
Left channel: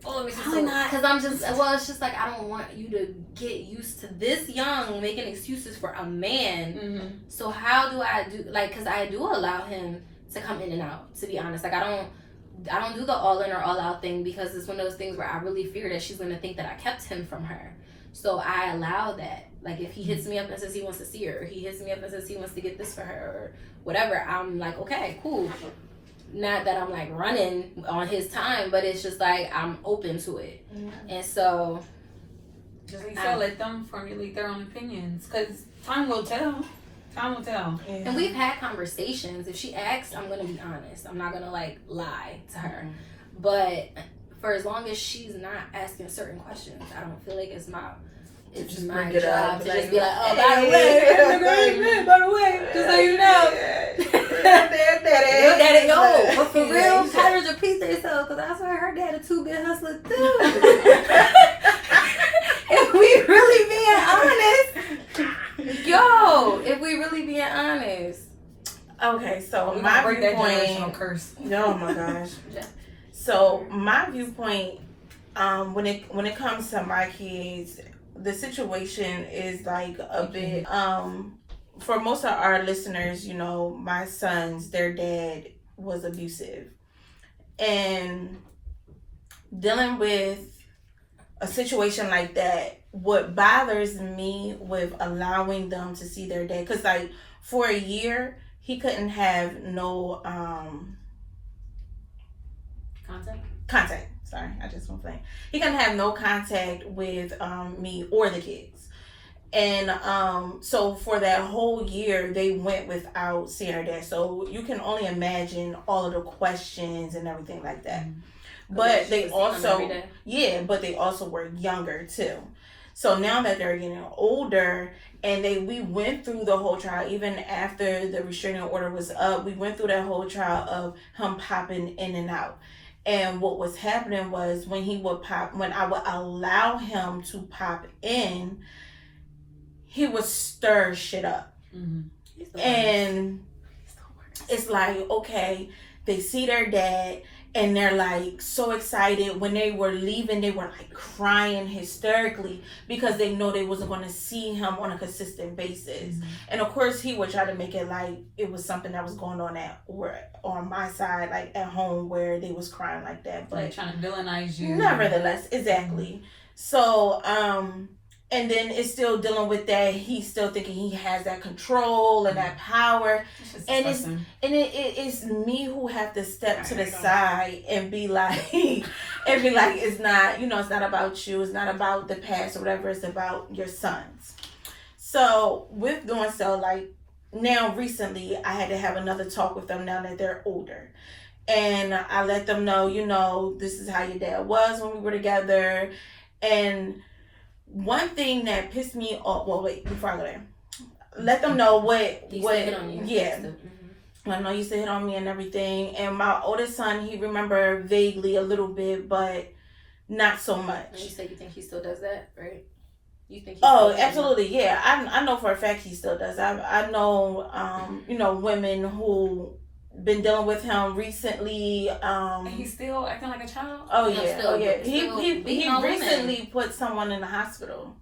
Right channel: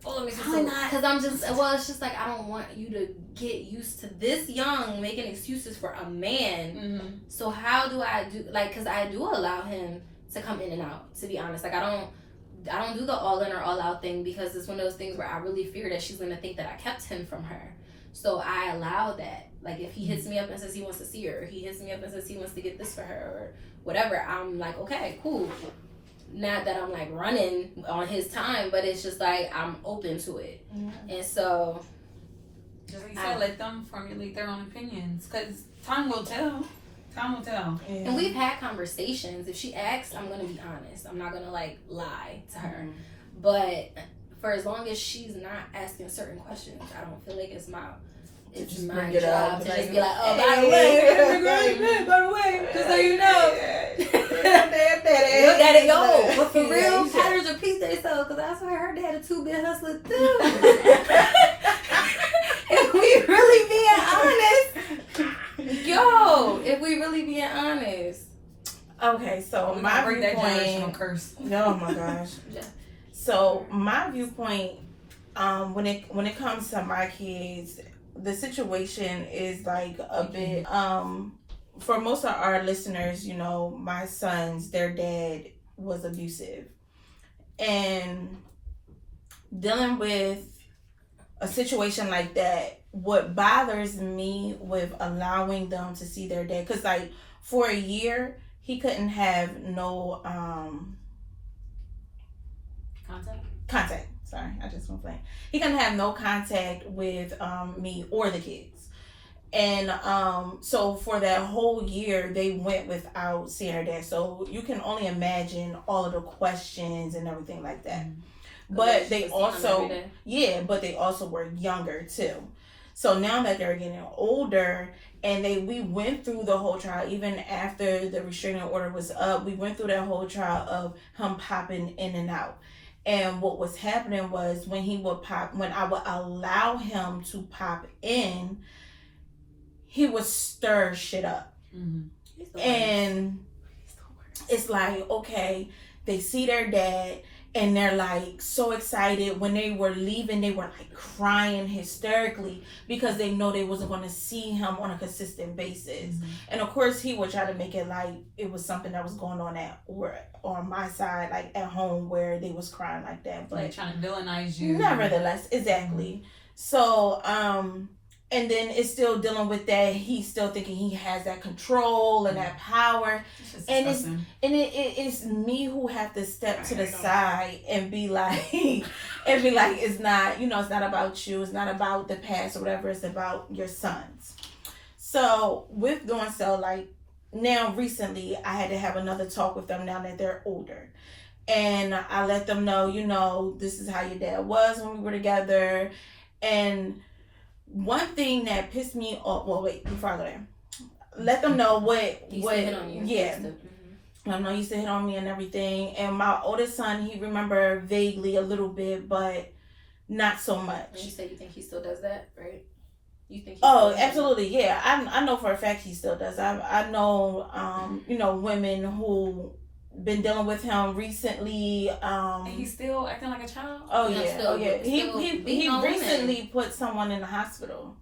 oh, let me see. Because I'm just, well, it's just like, I don't want you to get used to this young making excuses for a man. So how do I do, like, because I do allow him to come in and out, to be honest. Like, I don't do the all in or all out thing because it's one of those things where I really fear that she's going to think that I kept him from her. So I allow that. Like, if he hits me up and says he wants to see her, or he hits me up and says he wants to get this for her, or whatever, I'm like, okay, cool. Not that I'm like running on his time, but it's just like I'm open to it. And so just like you said, let them formulate their own opinions because time will tell. And we've had conversations. If she asks, I'm gonna be honest. I'm not gonna like lie to her. But for as long as she's not asking certain questions, I don't feel like it's my job to just be like, oh, by the way, just so you know. Your daddy, but for real, patterns repeat themselves, because I swear her dad a 2-bit hustler too. If we really being honest. Okay, so my viewpoint. Curse. Oh my gosh. So my viewpoint, when it comes to my kids, the situation is like a bit for most of our listeners, you know, my sons, their dad was abusive, and dealing with a situation like that, what bothers me with allowing them to see their dad, because like for a year he couldn't have no contact. Sorry, I just went blank. He couldn't have no contact with me or the kids. And so for that whole year, they went without seeing her dad. So you can only imagine all of the questions and everything like that. But they also, but they also were younger too. So now that they're getting older, and we went through the whole trial, even after the restraining order was up, we went through that whole trial of him popping in and out. And what was happening was when I would allow him to pop in, he would stir shit up. And it's like, okay, they see their dad and they're like so excited. When they were leaving, they were like crying hysterically because they know they wasn't going to see him on a consistent basis. And of course he would try to make it like it was something that was going on on my side, like at home, where they was crying like that, but like trying to villainize you. Nevertheless, exactly. So and then it's still dealing with that. He's still thinking he has that control and that power, and it's me who have to step to the side and be like, it's not, it's not about you. It's not about the past or whatever. It's about your sons. So with doing so, like now recently, I had to have another talk with them now that they're older, and I let them know, this is how your dad was when we were together, and one thing that pissed me off. Well, wait, before I go there, let them know what hit on you. Yeah. I know you used to hit on me and everything. And my oldest son, he remember vaguely a little bit, but not so much. And you say you think he still does that, right? You think? Absolutely, yeah. I know for a fact he still does. I know, women who been dealing with him recently. And he's still acting like a child. Yeah. He recently put someone in the hospital.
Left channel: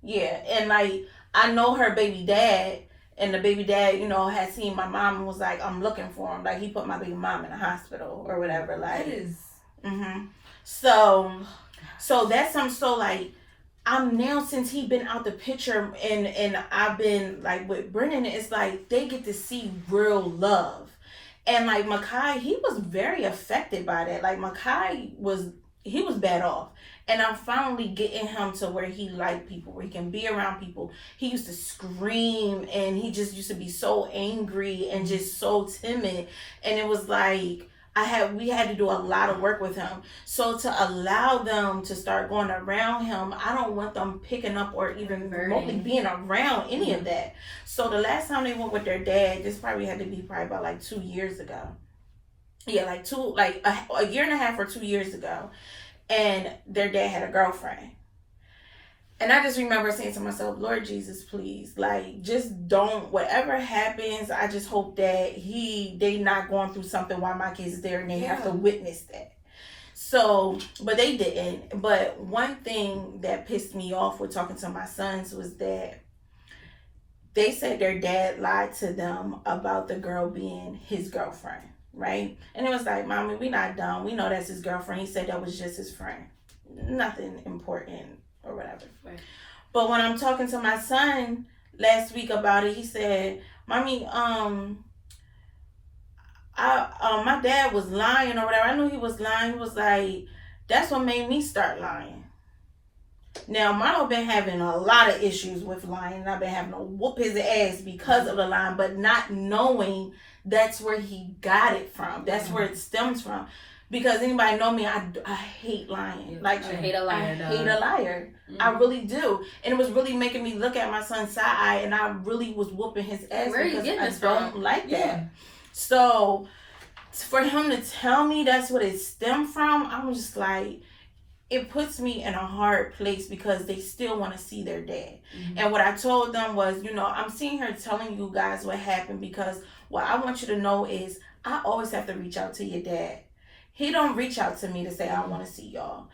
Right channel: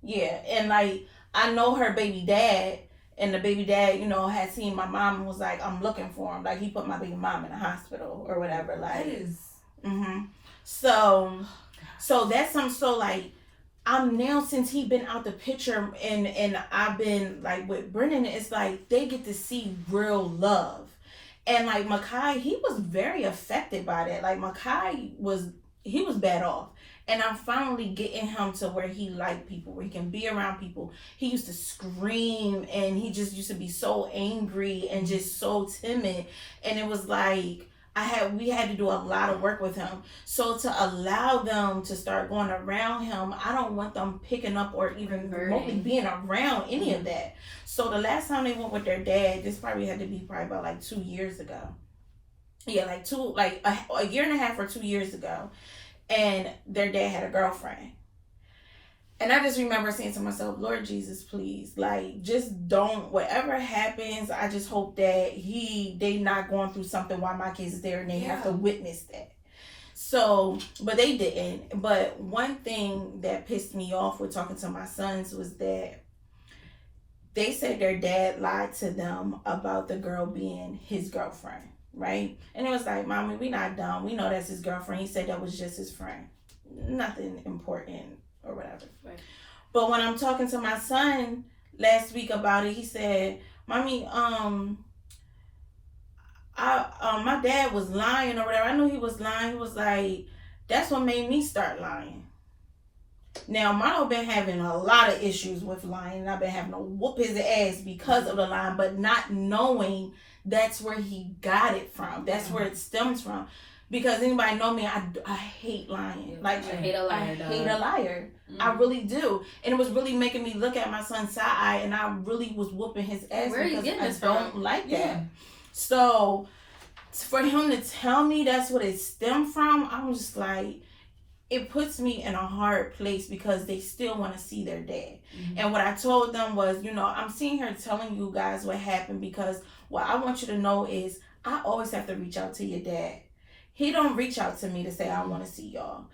Yeah, and like I know her baby dad, and the baby dad, had seen my mom and was like, "I'm looking for him." Like he put my baby mom in the hospital or whatever. Like, that is. So that's something. So like, I'm now, since he been out the picture and I've been like with Brennan, it's like they get to see real love. And like Makai, he was very affected by that. Like Makai was bad off. And I'm finally getting him to where he liked people, where he can be around people. He used to scream and he just used to be so angry and just so timid. And it was like, we had to do a lot of work with him. So to allow them to start going around him, I don't want them picking up or even remotely being around any of that. So the last time they went with their dad, this probably had to be about like 2 years ago. Yeah, like a year and a half or 2 years ago. And their dad had a girlfriend. And I just remember saying to myself, Lord Jesus, please, like, just don't, whatever happens, I just hope that they not going through something while my kids is there and they have to witness that. So, but they didn't. But one thing that pissed me off with talking to my sons was that they said their dad lied to them about the girl being his girlfriend, right? And it was like, Mommy, we not dumb. We know that's his girlfriend. He said that was just his friend. Nothing important or whatever. Right. But when I'm talking to my son last week about it, he said, Mommy, my dad was lying or whatever. I knew he was lying. He was like, that's what made me start lying. Now, Mono been having a lot of issues with lying. I've been having to whoop his ass because of the lying, but not knowing that's where he got it from. That's where it stems from. Because anybody know me, I hate lying. Like, I hate a liar. I hate a liar. I really do. And it was really making me look at my son's side eye, and I really was whooping his ass because I don't like that. So for him to tell me that's what it stemmed from, I'm just like, it puts me in a hard place because they still want to see their dad. And what I told them was, I'm seeing her telling you guys what happened because what I want you to know is I always have to reach out to your dad. He don't reach out to me to say, I want to see y'all.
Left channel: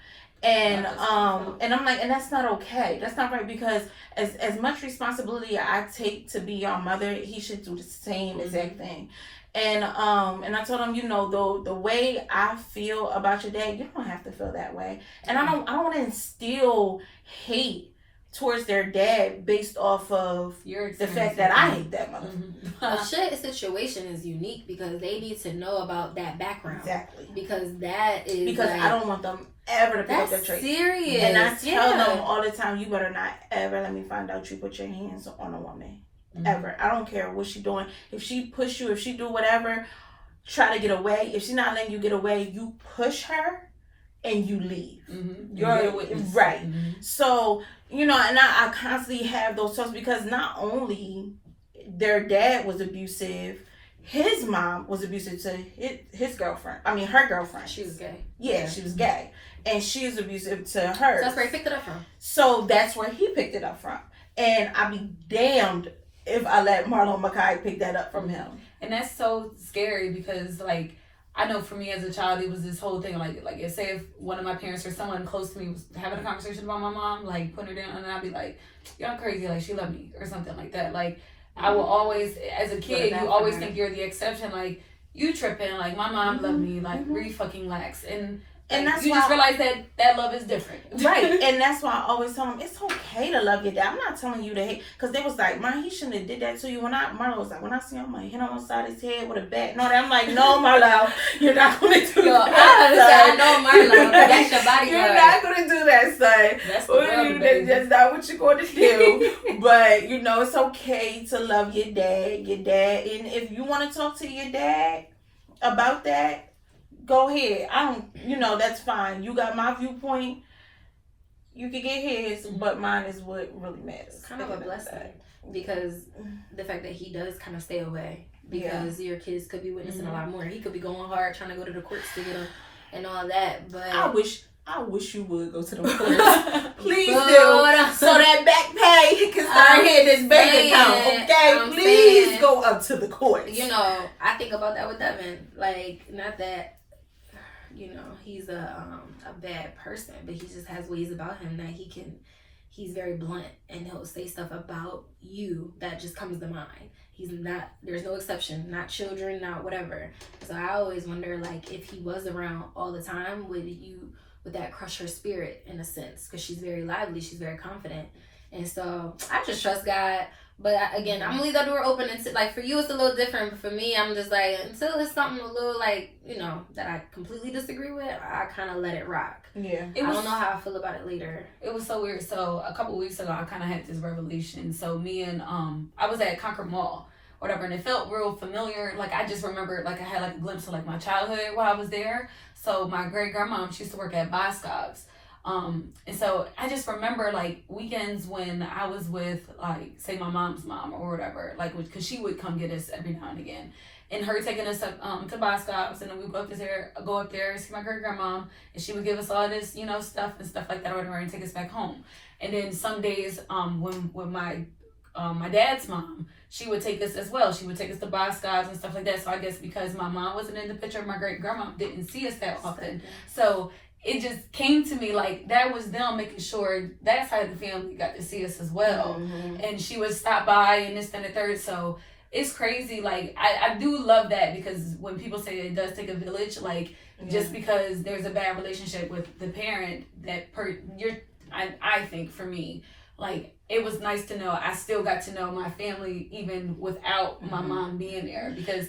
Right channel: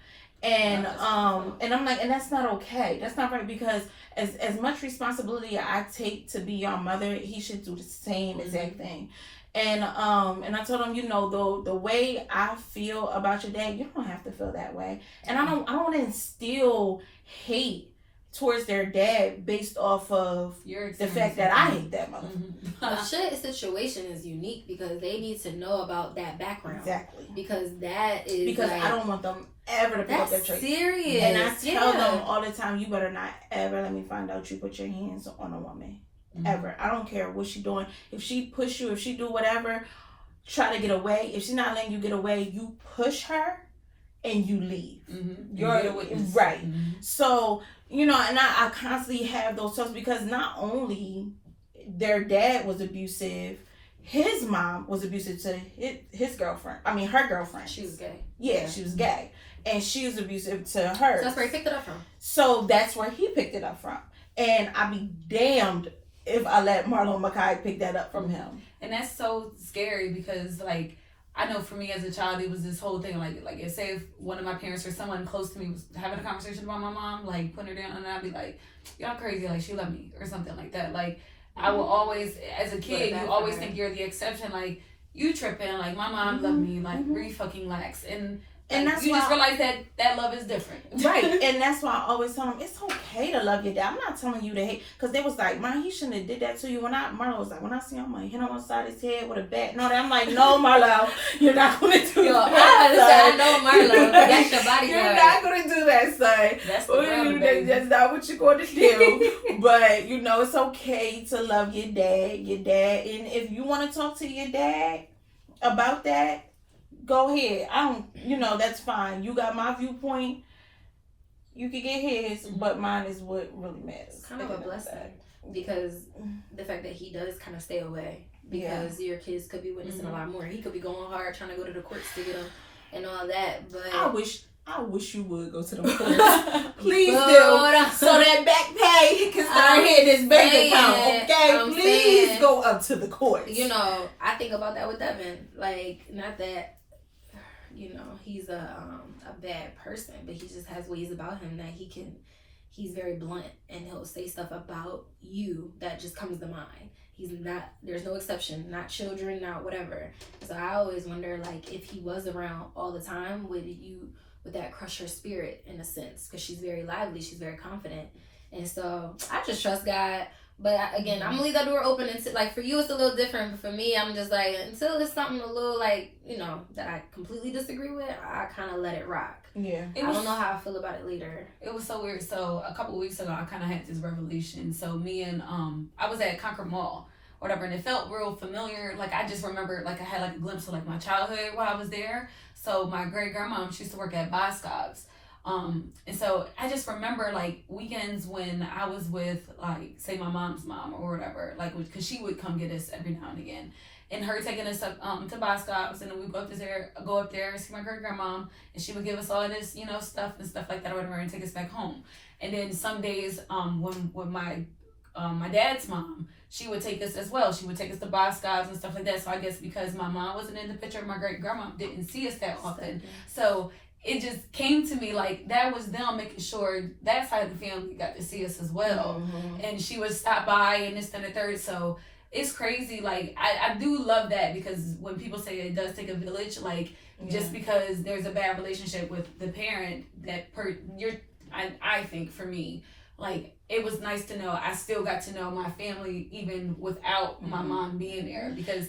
And and I'm like, and that's not okay. That's not right, because as much responsibility I take to be your mother, he should do the same exact thing. And I told him, the way I feel about your dad, you don't have to feel that way. And I don't want to instill hate towards their dad based off of the fact that I hate that motherfucker. Well, Shay's situation is unique because they need to know about that background. Exactly. Because that is because I don't want them ever to pick up that trait. Serious. And I tell them all the time, you better not ever let me find out you put your hands on a woman. Ever. I don't care what she doing. If she push you, if she do whatever, try to get away. If she's not letting you get away, you push her and you leave. You're a witness. Right. So, and I constantly have those talks because not only their dad was abusive, his mom was abusive to his girlfriend. I mean, her girlfriend. She was gay. Yeah, she was gay. And she was abusive to her. So that's where he picked it up from. So that's where he picked it up from. And I'd be damned if I let Marlon Mackay pick that up from him. And that's so scary because, like, I know for me as a child, it was this whole thing, like say if one of my parents or someone close to me was having a conversation about my mom, like, putting her down, and I'd be like, y'all crazy, like, she loved me, or something like that. Like, I will always, as a kid, you always think you're the exception, like, you tripping, like, my mom loved me, like, re-fucking-lax, and that's you just realize that love is different. Right. And that's why I always tell them, it's okay to love your dad. I'm not telling you to hate. Because they was like, man, he shouldn't have did that to you. Marlo was like, when I see him, I hit him on the side of his head with a bat. No, I'm like, no, Marlo, you're not going to do that. I know Marlo. That's your body. You're not going to do that, son. That's not what you're going to do. But, you know, it's okay to love your dad. And if you want to talk to your dad about that, go ahead. That's fine. You got my viewpoint. You can get his, but mine is what really matters. It's kind of a blessing because the fact that he does kind of stay away because your kids could be witnessing a lot more. He could be going hard trying to go to the courts to get him and all that. But I wish you would go to the courts. Please do. So that back pay can start hitting this bank account. Okay, please go up to the courts. You know, I think about that with Devin. Like, not that. You know, he's a bad person, but he just has ways about him that he's very blunt, and he'll say stuff about you that just comes to mind. There's no exception, not children, not whatever. So I always wonder, like, if he was around all the time, would that crush her spirit in a sense? Because she's very lively, she's very confident. And so I just trust God. But again, I'm gonna leave that door open until, like, for you it's a little different. But for me, I'm just like, until it's something a little, like, you know, that I completely disagree with, I kind of let it rock. Yeah. I don't know how I feel about it later. It was so weird. So a couple weeks ago, I kind of had this revelation. So me and I was at Concord Mall, whatever, and it felt real familiar. Like, I just remember, like, I had like a glimpse of like my childhood while I was there. So my great grandma, she used to work at Boscov's. And so I just remember, like, weekends when I was with, like, say my mom's mom or whatever, like, because she would come get us every now and again, and her taking us up to Boscov's, and then we'd go up there, see my great grandma, and she would give us all this, you know, stuff like that or whatever, and take us back home. And then some days, when my dad's mom, she would take us as well. She would take us to Boscov's and stuff like that. So I guess because my mom wasn't in the picture, my great grandma didn't see us that often. So it just came to me like that was them making sure that side of the family got to see us as well. Mm-hmm. And she would stop by and this and the third. So it's crazy. Like, I do love that, because when people say it does take a village, like, just because there's a bad relationship with the parent, I think for me, like, it was nice to know I still got to know my family even without my mom being there, because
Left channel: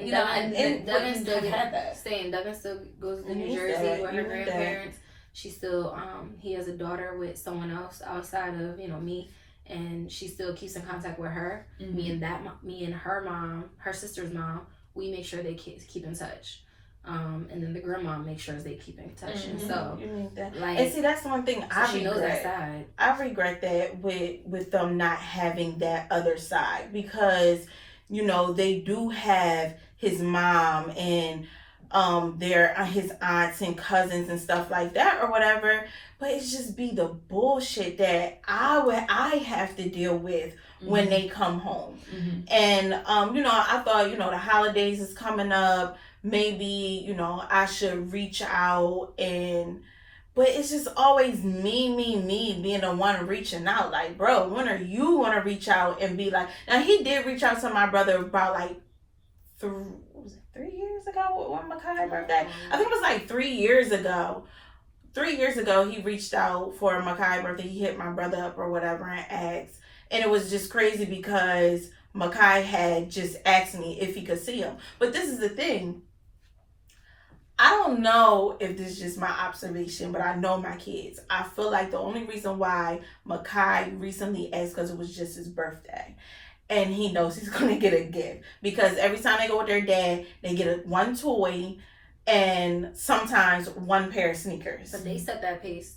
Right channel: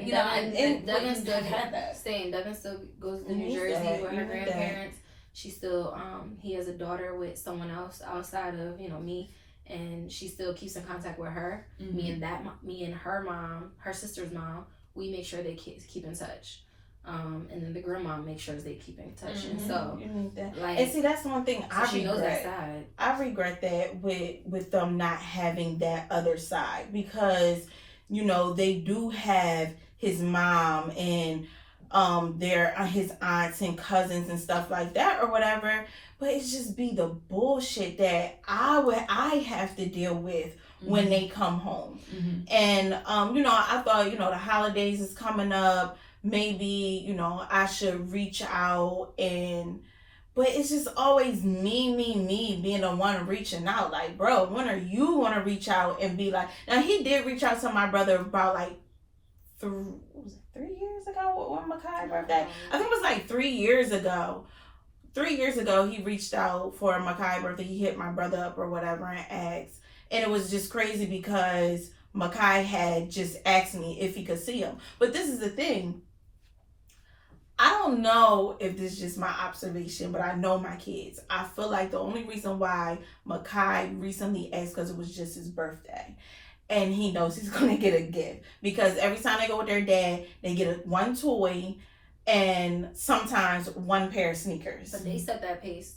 you know, and Devin still had that. Same. Devin still goes to New Jersey with her grandparents. She still, he has a daughter with someone else outside of, you know, me, and she still keeps in contact with her. Mm-hmm. Me and her mom, her sister's mom, we make sure they keep in touch. And then the grandma makes sure they keep in touch. Mm-hmm. And so, you need that. Like, and see, that's one thing she knows that side. I regret that with them not having that other side, because, you know, they do have his mom and his aunts and cousins and stuff like that or whatever, but it's just be the bullshit that I have to deal with when they come home. Mm-hmm. And you know, I thought, you know, the holidays is coming up, maybe, you know, I should reach out, but it's just always me being the one reaching out. Like, bro, when are you gonna reach out and be like? Now, he did reach out to my brother about like 3 years ago on Makai's birthday. I think it was like 3 years ago. 3 years ago, he reached out for Makai's birthday. He hit my brother up or whatever and asked. And it was just crazy because Makai had just asked me if he could see him. But this is the thing. I don't know if this is just my observation, but I know my kids. I feel like the only reason why Makai recently asked because it was just his birthday. And he knows he's going to get a gift. Because every time they go with their dad, they get one toy and sometimes one pair of sneakers. But they set that pace.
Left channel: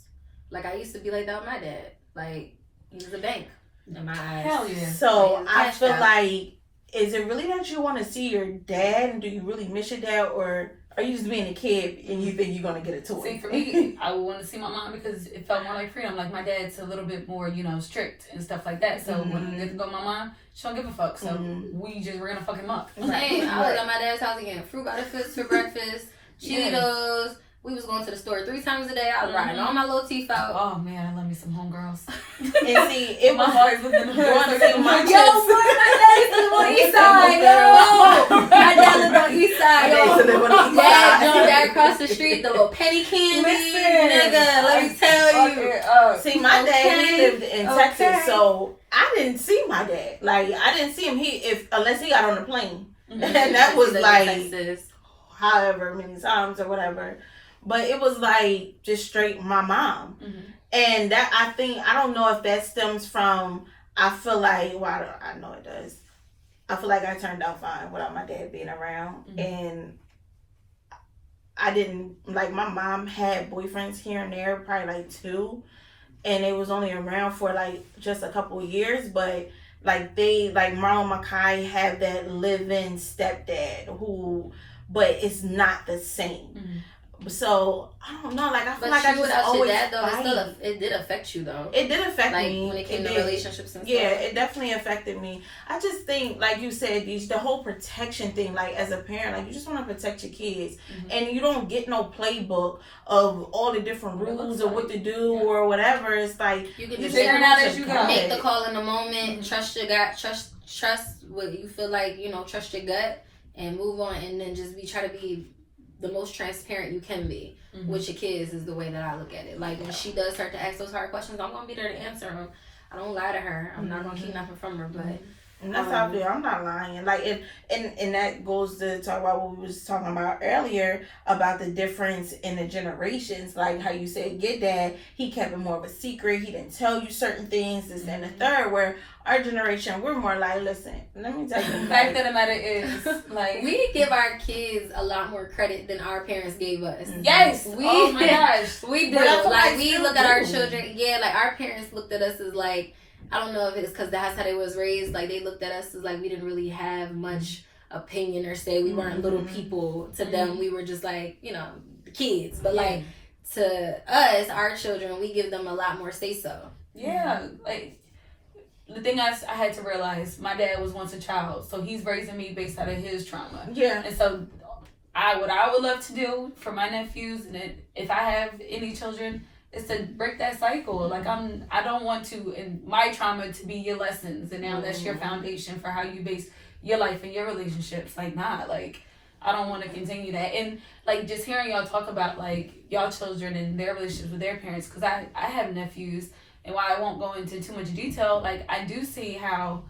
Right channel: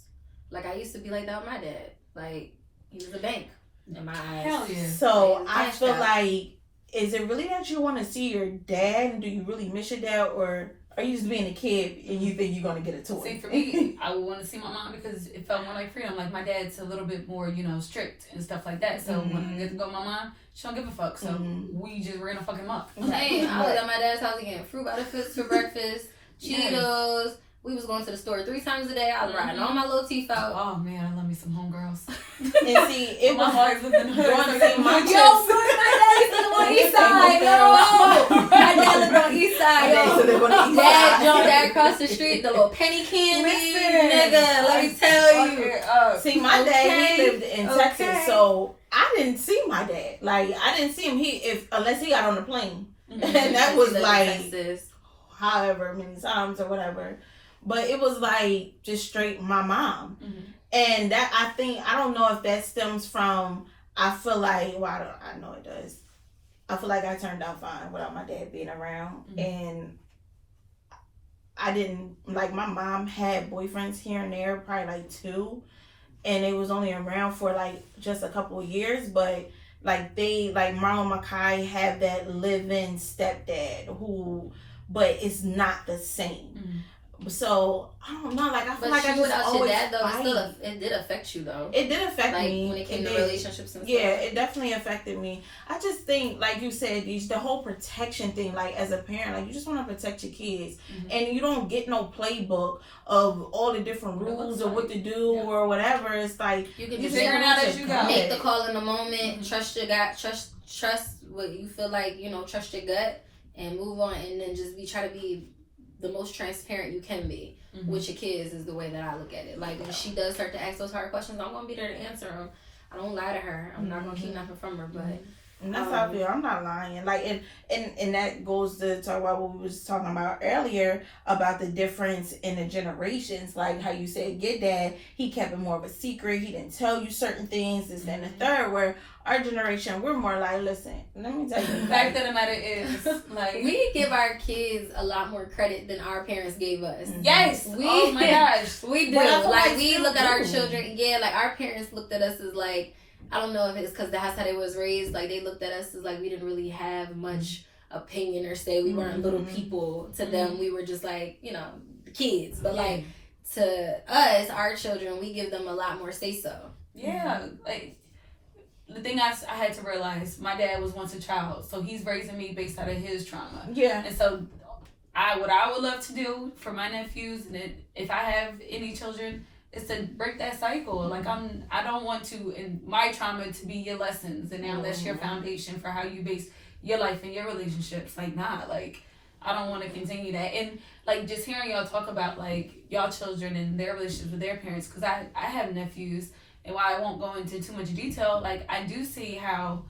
Like, I used to be like that with my dad. Like, he was a bank in my eyes. Hell yeah. So I feel like, is it really that you want to see your dad? And do you really miss your dad? Or Or you just being a kid and you think you're gonna get a toy? See, for me, I would want to see my mom because it felt more like freedom. Like my dad's a little bit more, strict and stuff like that. So when I get to go with my mom, she don't give a fuck. So we're gonna fuck him up. Hey, I was at my dad's house again. Fruit by the fist for breakfast, Cheetos. We was going to the store 3 times a day. I was riding all my little teeth out. Oh man, I love me some homegirls. And see, it was always looking at going to see my Yo, boy, my dad lived on the east side, yo. My dad lived on the east side, yo. Dad jumped that across the street, the little penny candy. Nigga, let me tell you. See, my dad, he lived in Texas, so I didn't see my dad. Like, I didn't see him unless he got on the plane. And that was like Texas. however many times or whatever. But it was like just straight my mom. And that, I don't know if that stems from, I feel like, well, I know it does. I feel like I turned out fine without my dad being around. And I didn't, like, my mom had boyfriends here and there, probably like 2. And it was only around for like just a couple of years. But like Marlon Mackay had that live-in stepdad but it's not the same. So I don't know, like I feel like I just always your dad, though, it did affect you though. It did affect me when it came to relationships and stuff. Yeah, it definitely affected me. I just think, like you said, the whole protection thing. Like as a parent, like you just want to protect your kids, and you don't get no playbook of all the different rules or what to do or whatever. It's like you can just figure it out as you go. Make the call in the moment. Trust your gut. Trust what you feel like. Trust your gut and move on, and then just try to be the most transparent you can be with your kids is the way that I look at it. Like when she does start to ask those hard questions, I'm gonna be there to answer them. I don't lie to her. I'm not gonna keep nothing from her. But and that's how I feel. I'm not lying. Like and that goes to talk about what we was talking about earlier about the difference in the generations. Like how you said your dad, he kept it more of a secret. He didn't tell you certain things. This and the third. Where our generation, we're more like, listen, let me tell you. The fact of the matter is, like, we give our kids a lot more credit than our parents gave us. Yes. Oh my gosh. We do. Like we look at our children. Yeah, like our parents looked at us as like, I don't know if it's because that's how they was raised. Like they looked at us as like we didn't really have much opinion or say. We weren't little people to them. We were just like, the kids. But like to us, our children, we give them a lot more say so. Yeah, like the thing I had to realize, my dad was once a child, so he's raising me based out of his trauma. Yeah, and so what I would love to do for my nephews, and if I have any children, is to break that cycle. Like I don't want to, in my trauma, to be your lessons, and now that's your foundation for how you base your life and your relationships. Like like I don't want to continue that. And like just hearing y'all talk about like y'all children and their relationships with their parents, because I have nephews, and while I won't go into too much detail, like I do see how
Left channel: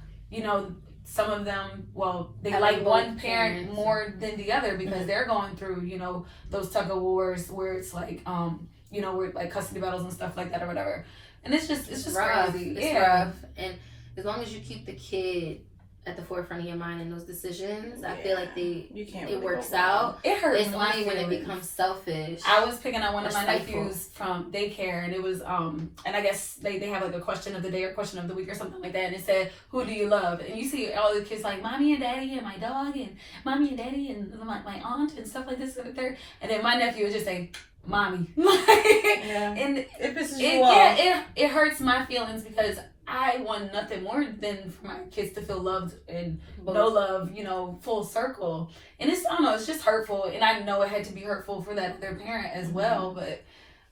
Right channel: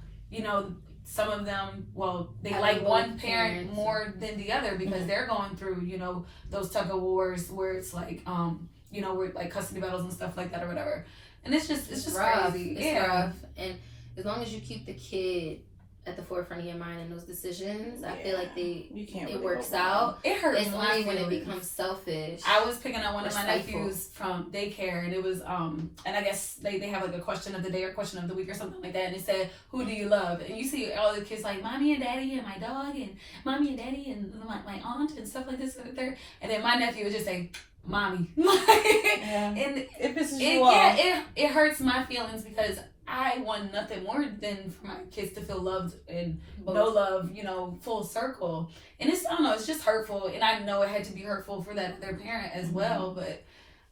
some of them, they like one parent more than the other because they're going through those tug of wars where it's like where like custody battles and stuff like that or whatever, and it's just rough. crazy. It's rough, and as long as you keep the kid at the forefront of your mind in those decisions, I feel like it works out. It hurts. It's only when it becomes selfish. I was picking up one of my nephews from daycare, and it was and I guess they have like a question of the day or question of the week or something like that, and it said, "Who do you love?" And you see all the kids like mommy and daddy and my dog and mommy and daddy and my aunt and stuff like this and the third, and then my nephew would just say, "Mommy." And it pisses you off. Yeah, it hurts my feelings because I want nothing more than for my kids to feel loved and know love, full circle. And I don't know, it's just hurtful. And I know it had to be hurtful for that other parent as well. But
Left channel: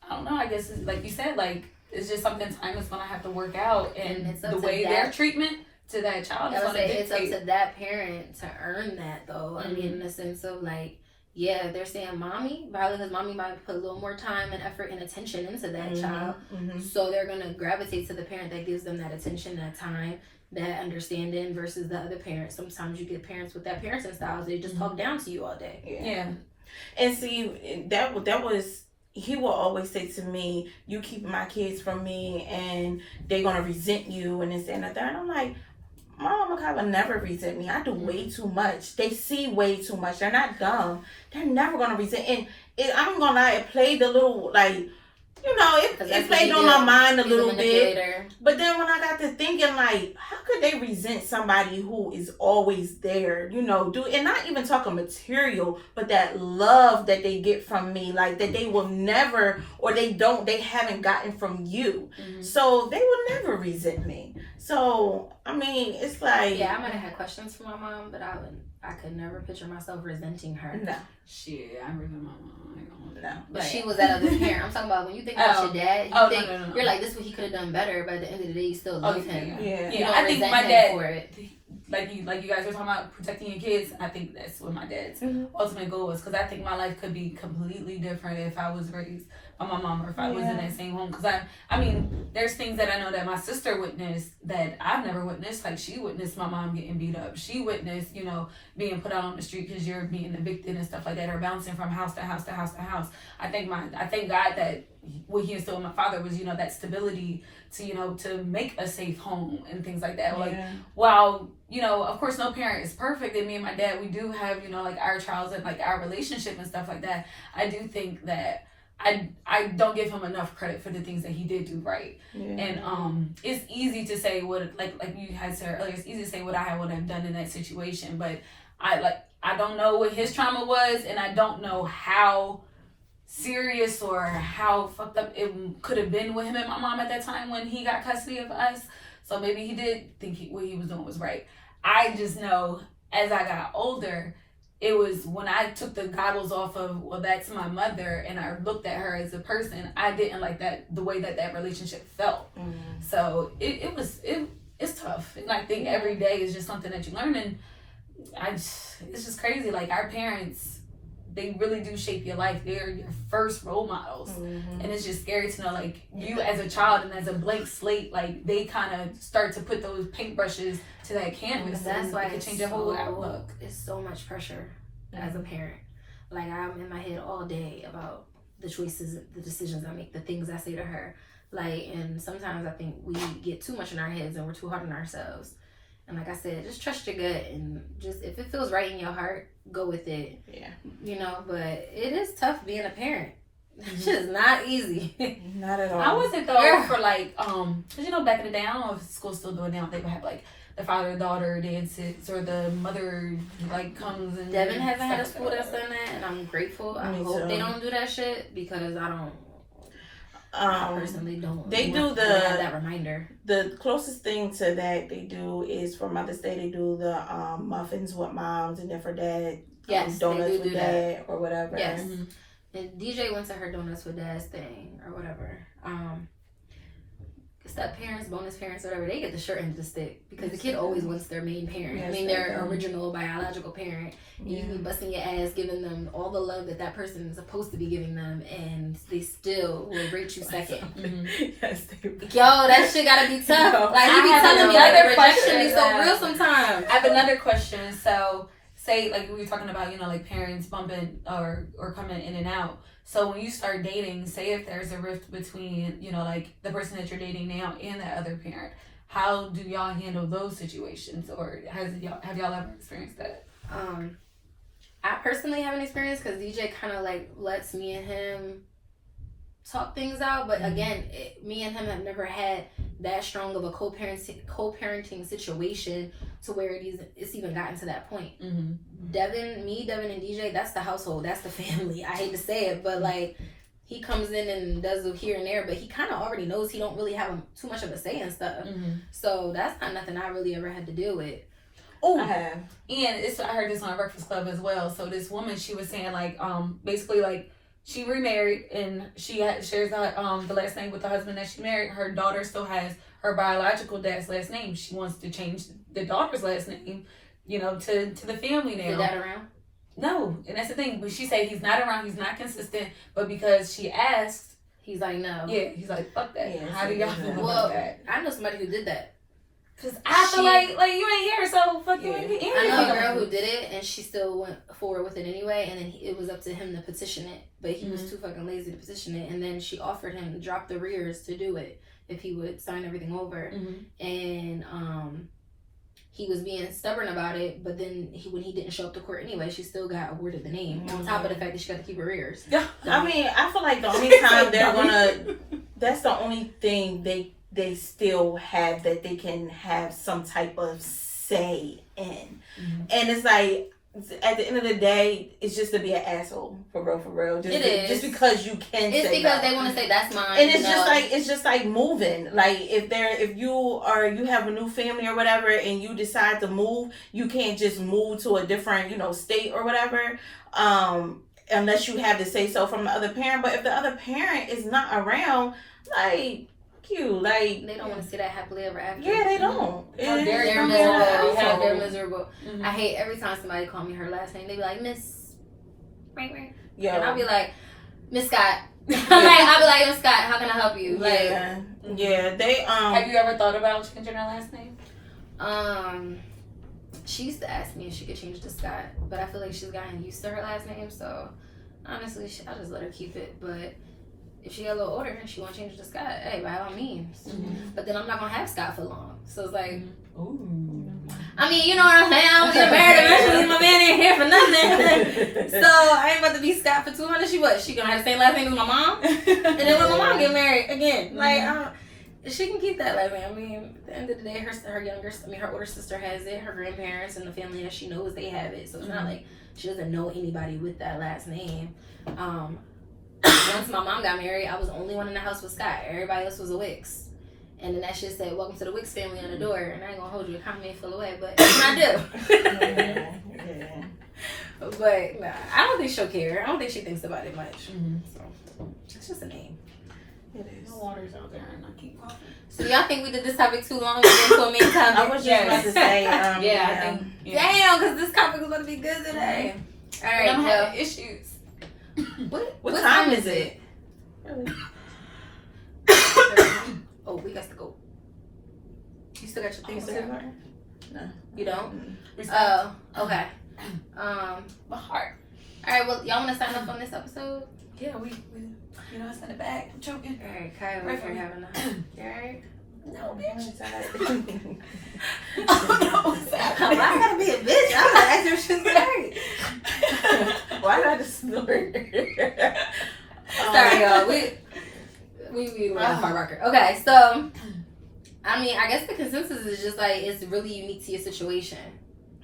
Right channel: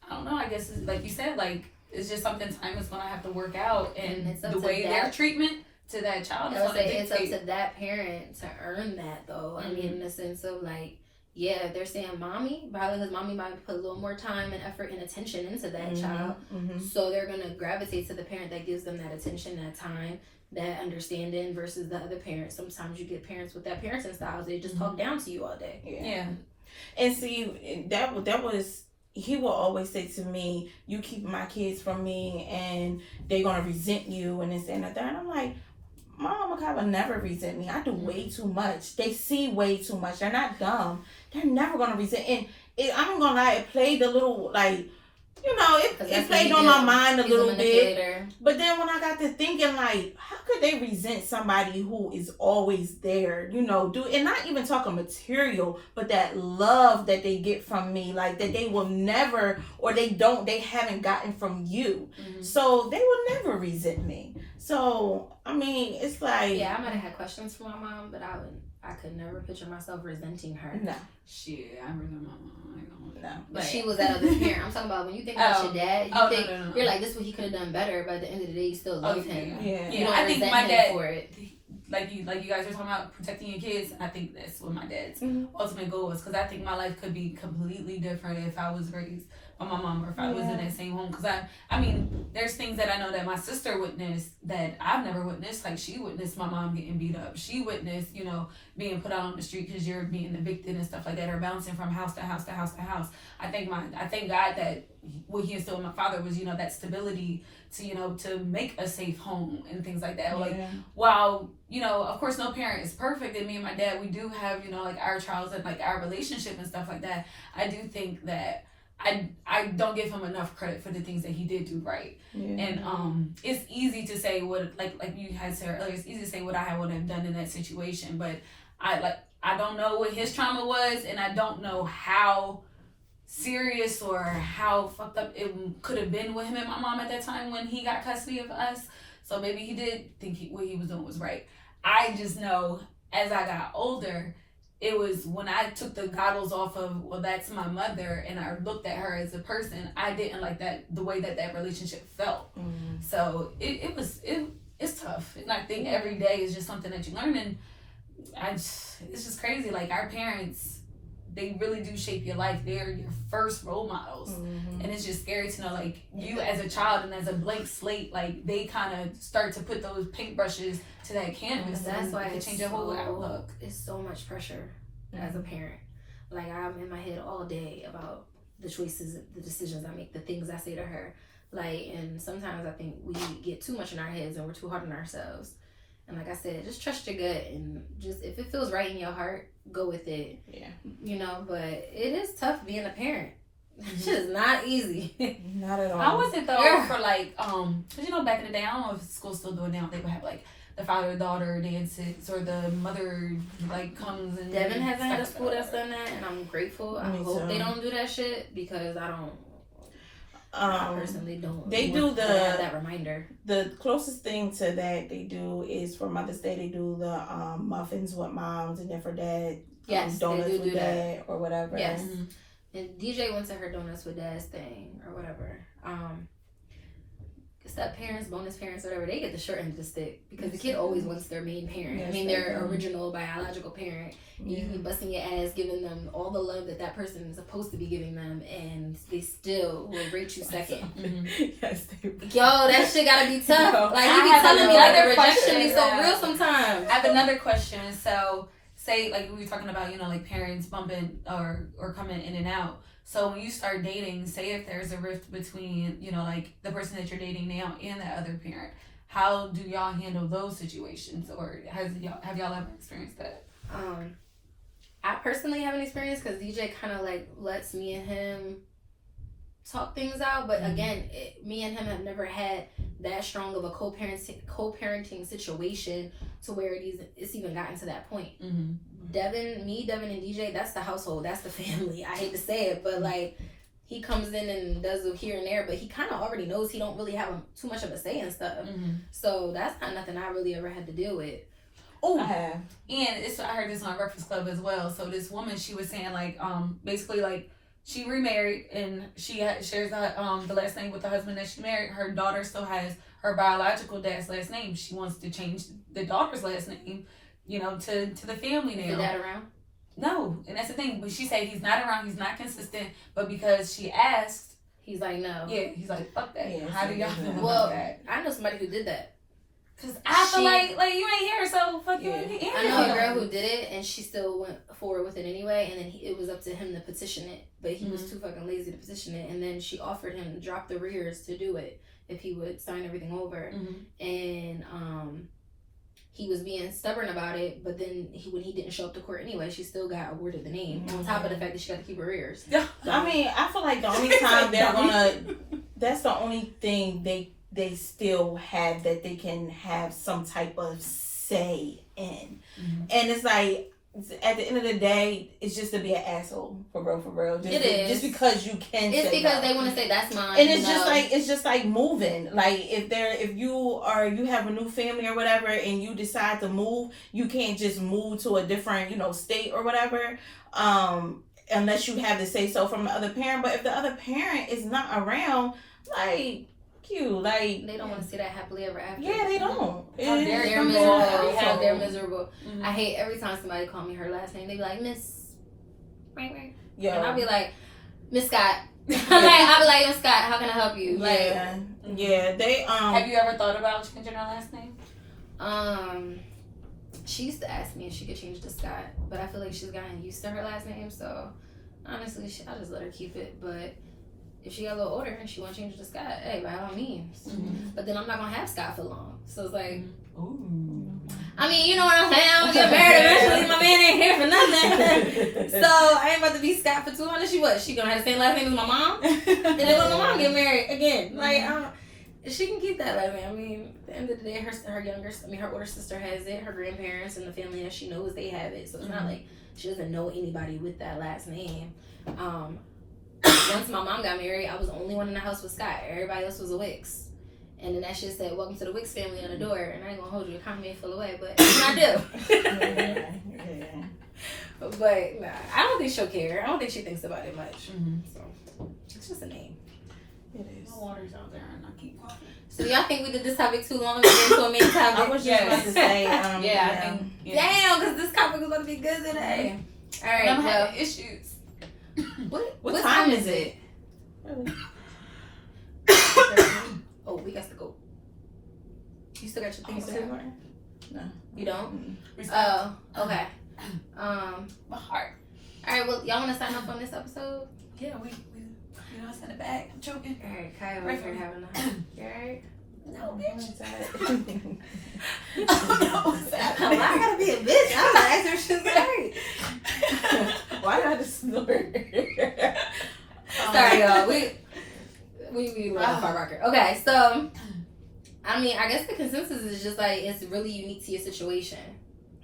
I don't know, I guess it's, like you said, like it's just something time is going to have to work out. And the way their treatment to that child is going to dictate. It's up to that parent to earn that though. I mean, in the sense of like, yeah, they're saying mommy, probably because mommy might put a little more time and effort and attention into that child. So they're going to gravitate to the parent that gives them that attention, that time, that understanding versus the other parent. Sometimes you get parents with that parenting style. They just talk down to you all day. Yeah. And see, that was, he will always say to me, you keep my kids from me and they're going to resent you and this and that. And I'm like, Mama Makai will never resent me. I do way too much. They see way too much. They're not dumb. They're never going to resent. And I'm going to lie, it played a little, like, you know, it played on my mind a little bit. But then when I got to thinking, like, how could they resent somebody who is always there, you know, and not even talking material, but that love that they get from me, like that they will never, or they haven't gotten from you. Mm-hmm. So they will never resent me. So, I mean, it's like. Yeah, I might have had questions for my mom, but I could never picture myself resenting her. No. Shit, I resent my mom. No. But she was that other parent. I'm talking about when you think about your dad, you're like, this is what he could have done better, but at the end of the day, you still love him. Yeah. You don't I think my dad, for it. like you guys were talking about protecting your kids, I think that's what my dad's ultimate goal was, because I think my life could be completely different if I was raised by my mom or if I was in that same home. Because I mean, there's things that I know that my sister witnessed that I've never witnessed. Like, she witnessed my mom getting beat up. She witnessed, you know, being put out on the street because you're being evicted and stuff like that, or bouncing from house to house to house to house. I thank God that what he instilled in my father was, you know, that stability to, you know, to make a safe home and things like that. Like, while, you know, of course no parent is perfect, and me and my dad, we do have, you know, like our trials and like our relationship and stuff like that. I do think that I don't give him enough credit for the things that he did do right. And it's easy to say what, like you had said earlier, it's easy to say what I would have done in that situation, but I don't know what his trauma was, and I don't know how serious or how fucked up it could have been with him and my mom at that time when he got custody of us. So maybe he did think what he was doing was right. I just know as I got older, it was when I took the goggles off of, well, that's my mother, and I looked at her as a person, I didn't like that, the way that relationship felt. So it's tough. And I think every day is just something that you learn, and it's just crazy. Like, our parents, they really do shape your life. They're your first role models. And it's just scary to know, like, you as a child and as a blank slate, like, they kind of start to put those paintbrushes to that canvas. That's why it change your whole outlook. It's so much pressure as a parent. Like, I'm in my head all day about the choices, the decisions I make, the things I say to her. Like, and sometimes I think we get too much in our heads and we're too hard on ourselves. And like I said, just trust your gut, and just, if it feels right in your heart, go with it. Yeah. You know, but it is tough being a parent. It's just not easy. Not at all. I wasn't though for like, cause you know, back in the day, I don't know if school's still doing now, they would have like the father-daughter dances, or the mother like comes and. Devin hasn't had a school that's done that, and I'm grateful. I hope they don't do that shit, because I personally don't. They do that reminder. The closest thing to that they do is for Mother's Day. They do the muffins with moms, and then for dad, donuts with dad, or whatever. Yes. And DJ went to her donuts with dad's thing or whatever. Step parents, bonus parents, whatever, they get the short end of the stick, because the kid always wants their main parent. I mean, their original biological parent. And you can be busting your ass, giving them all the love that person is supposed to be giving them, and they still will rate you second. Yes, yo, that shit gotta be tough. Like, you be telling me like rejection is so real sometimes. I have another question. So, say like we were talking about, you know, like parents bumping or coming in and out. So when you start dating, say if there's a rift between, you know, like the person that you're dating now and that other parent, how do y'all handle those situations, or have y'all ever experienced that? I personally haven't experienced, because DJ kind of like lets me and him talk things out, but again, me and him have never had that strong of a co-parenting situation to where it's even gotten to that point. Devin and DJ, that's the household, that's the family. I hate to say it, but like, he comes in and does the here and there, but he kind of already knows he don't really have too much of a say and stuff. So that's not nothing I really ever had to deal with. Oh, I have. And I heard this on Breakfast Club as well. So this woman, she was saying like, basically like, she remarried and she shares the last name with the husband that she married. Her daughter still has her biological dad's last name. She wants to change the daughter's last name, you know, to the family name. Is the dad around? No, and that's the thing. But she said he's not around. He's not consistent. But because she asked, he's like, no. Yeah, he's like, fuck that. Yeah, how do y'all feel about that? I know somebody who did that. Cause I feel like you ain't here, so fuck you. I know a girl who did it, and she still went forward with it anyway. And then it was up to him to petition it, but he was too fucking lazy to petition it. And then she offered him to drop the rears to do it if he would sign everything over. And he was being stubborn about it, but then when he didn't show up to court anyway, she still got awarded the name. On top of the fact that she got to keep her ears. Yeah. I mean, I feel like the only time they're gonna, that's the only thing they still have that they can have some type of say in. And it's like, at the end of the day, it's just to be an asshole for real. Just because you can. It's say because no. they want to say that's mine. And it's just like moving. Like if you have a new family or whatever, and you decide to move, you can't just move to a different state or whatever, unless you have to say so from the other parent. But if the other parent is not around, like. They don't want to see that happily ever after. Yeah, they don't. They're miserable. They're miserable. I hate every time somebody call me her last name. They be like, Miss, yeah, and I'll be like, Miss Scott. I'll be like, Miss Scott, how can I help you? Yeah. They Have you ever thought about changing her last name? She used to ask me if she could change to Scott, but I feel like she's gotten used to her last name. So honestly, I'll just let her keep it. But if she got a little older and she want to change it to Scott, hey, by all means. But then I'm not going to have Scott for long. So it's like, I mean, you know what I'm saying? I'm going to get married eventually. My man ain't here for nothing. So I ain't about to be Scott for 200. She going to have the same last name as my mom? And then when my mom get married again, she can keep that last name. I mean, at the end of the day, her older sister has it. Her grandparents and the family that she knows, they have it. So it's not like she doesn't know anybody with that last name. Once my mom got married, I was the only one in the house with Scott. Everybody else was a Wicks. And then that shit said, welcome to the Wicks family on the door. And I ain't gonna hold you, the economy ain't full away, but I do. But nah, I don't think she'll care. I don't think she thinks about it much. So it's just a name. It is. No water's out there and I keep coughing. So y'all think we did this topic too long? We get into a main topic? I was just about to say, I think. Damn, because this topic is going to be good today. All right, I'm having issues. What time is it? Really? Oh, we got to go. You still got your things to do? No. You don't? Mm-hmm. Oh, okay. My heart. All right, well, y'all want to sign up on this episode? Yeah, we I sent it back. I'm choking. All right, Kiaya, we're having a... You all right? No, bitch. Why I gotta be a bitch? I'm gonna ask her if she's great. Why not a snort? Sorry, y'all. We were off our rocker. Okay, so I mean, I guess the consensus is just like it's really unique to your situation.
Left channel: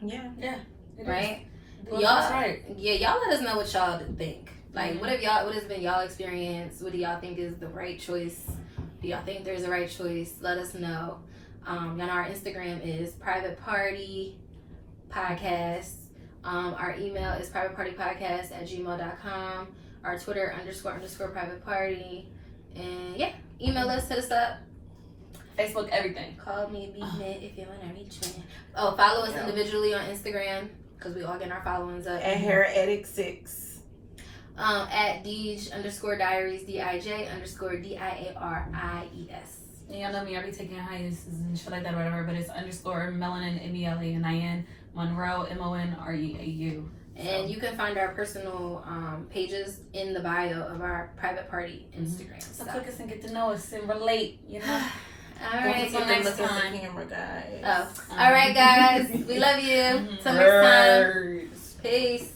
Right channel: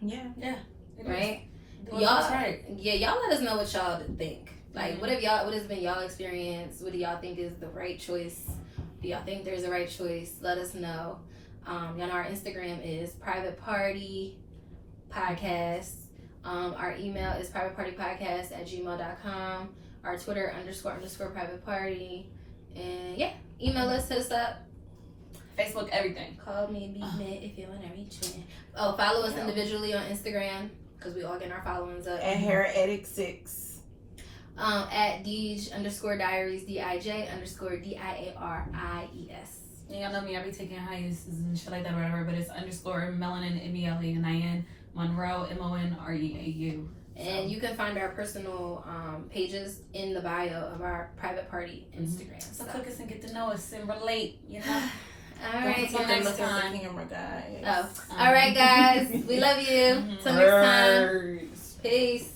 Yeah. Right? Y'all, Y'all let us know what y'all think. Like, what has been y'all experience? What do y'all think is the right choice? Do y'all think there's a right choice? Let us know. Y'all know our Instagram is Private Party Podcast. Our email is privatepartypodcast@gmail.com. Our Twitter __private party. And yeah, email us, hit us up. Facebook, everything. Call me, beat me if you want to reach me. Oh, follow us individually on Instagram because we all getting our followings up. At Hair Addict 6. At Dij_diaries, DIJ_DIARIES. Yeah, y'all know me. I be taking hiatuses and shit like that or whatever, but it's _melanin, MELENIN, Monroe, MONREAU. And you can find our personal pages in the bio of our Private Party Instagram. So click us and get to know us and relate, you know? All right. Until next time. Camera, guys. All right, guys. We love you. Till next time. Peace.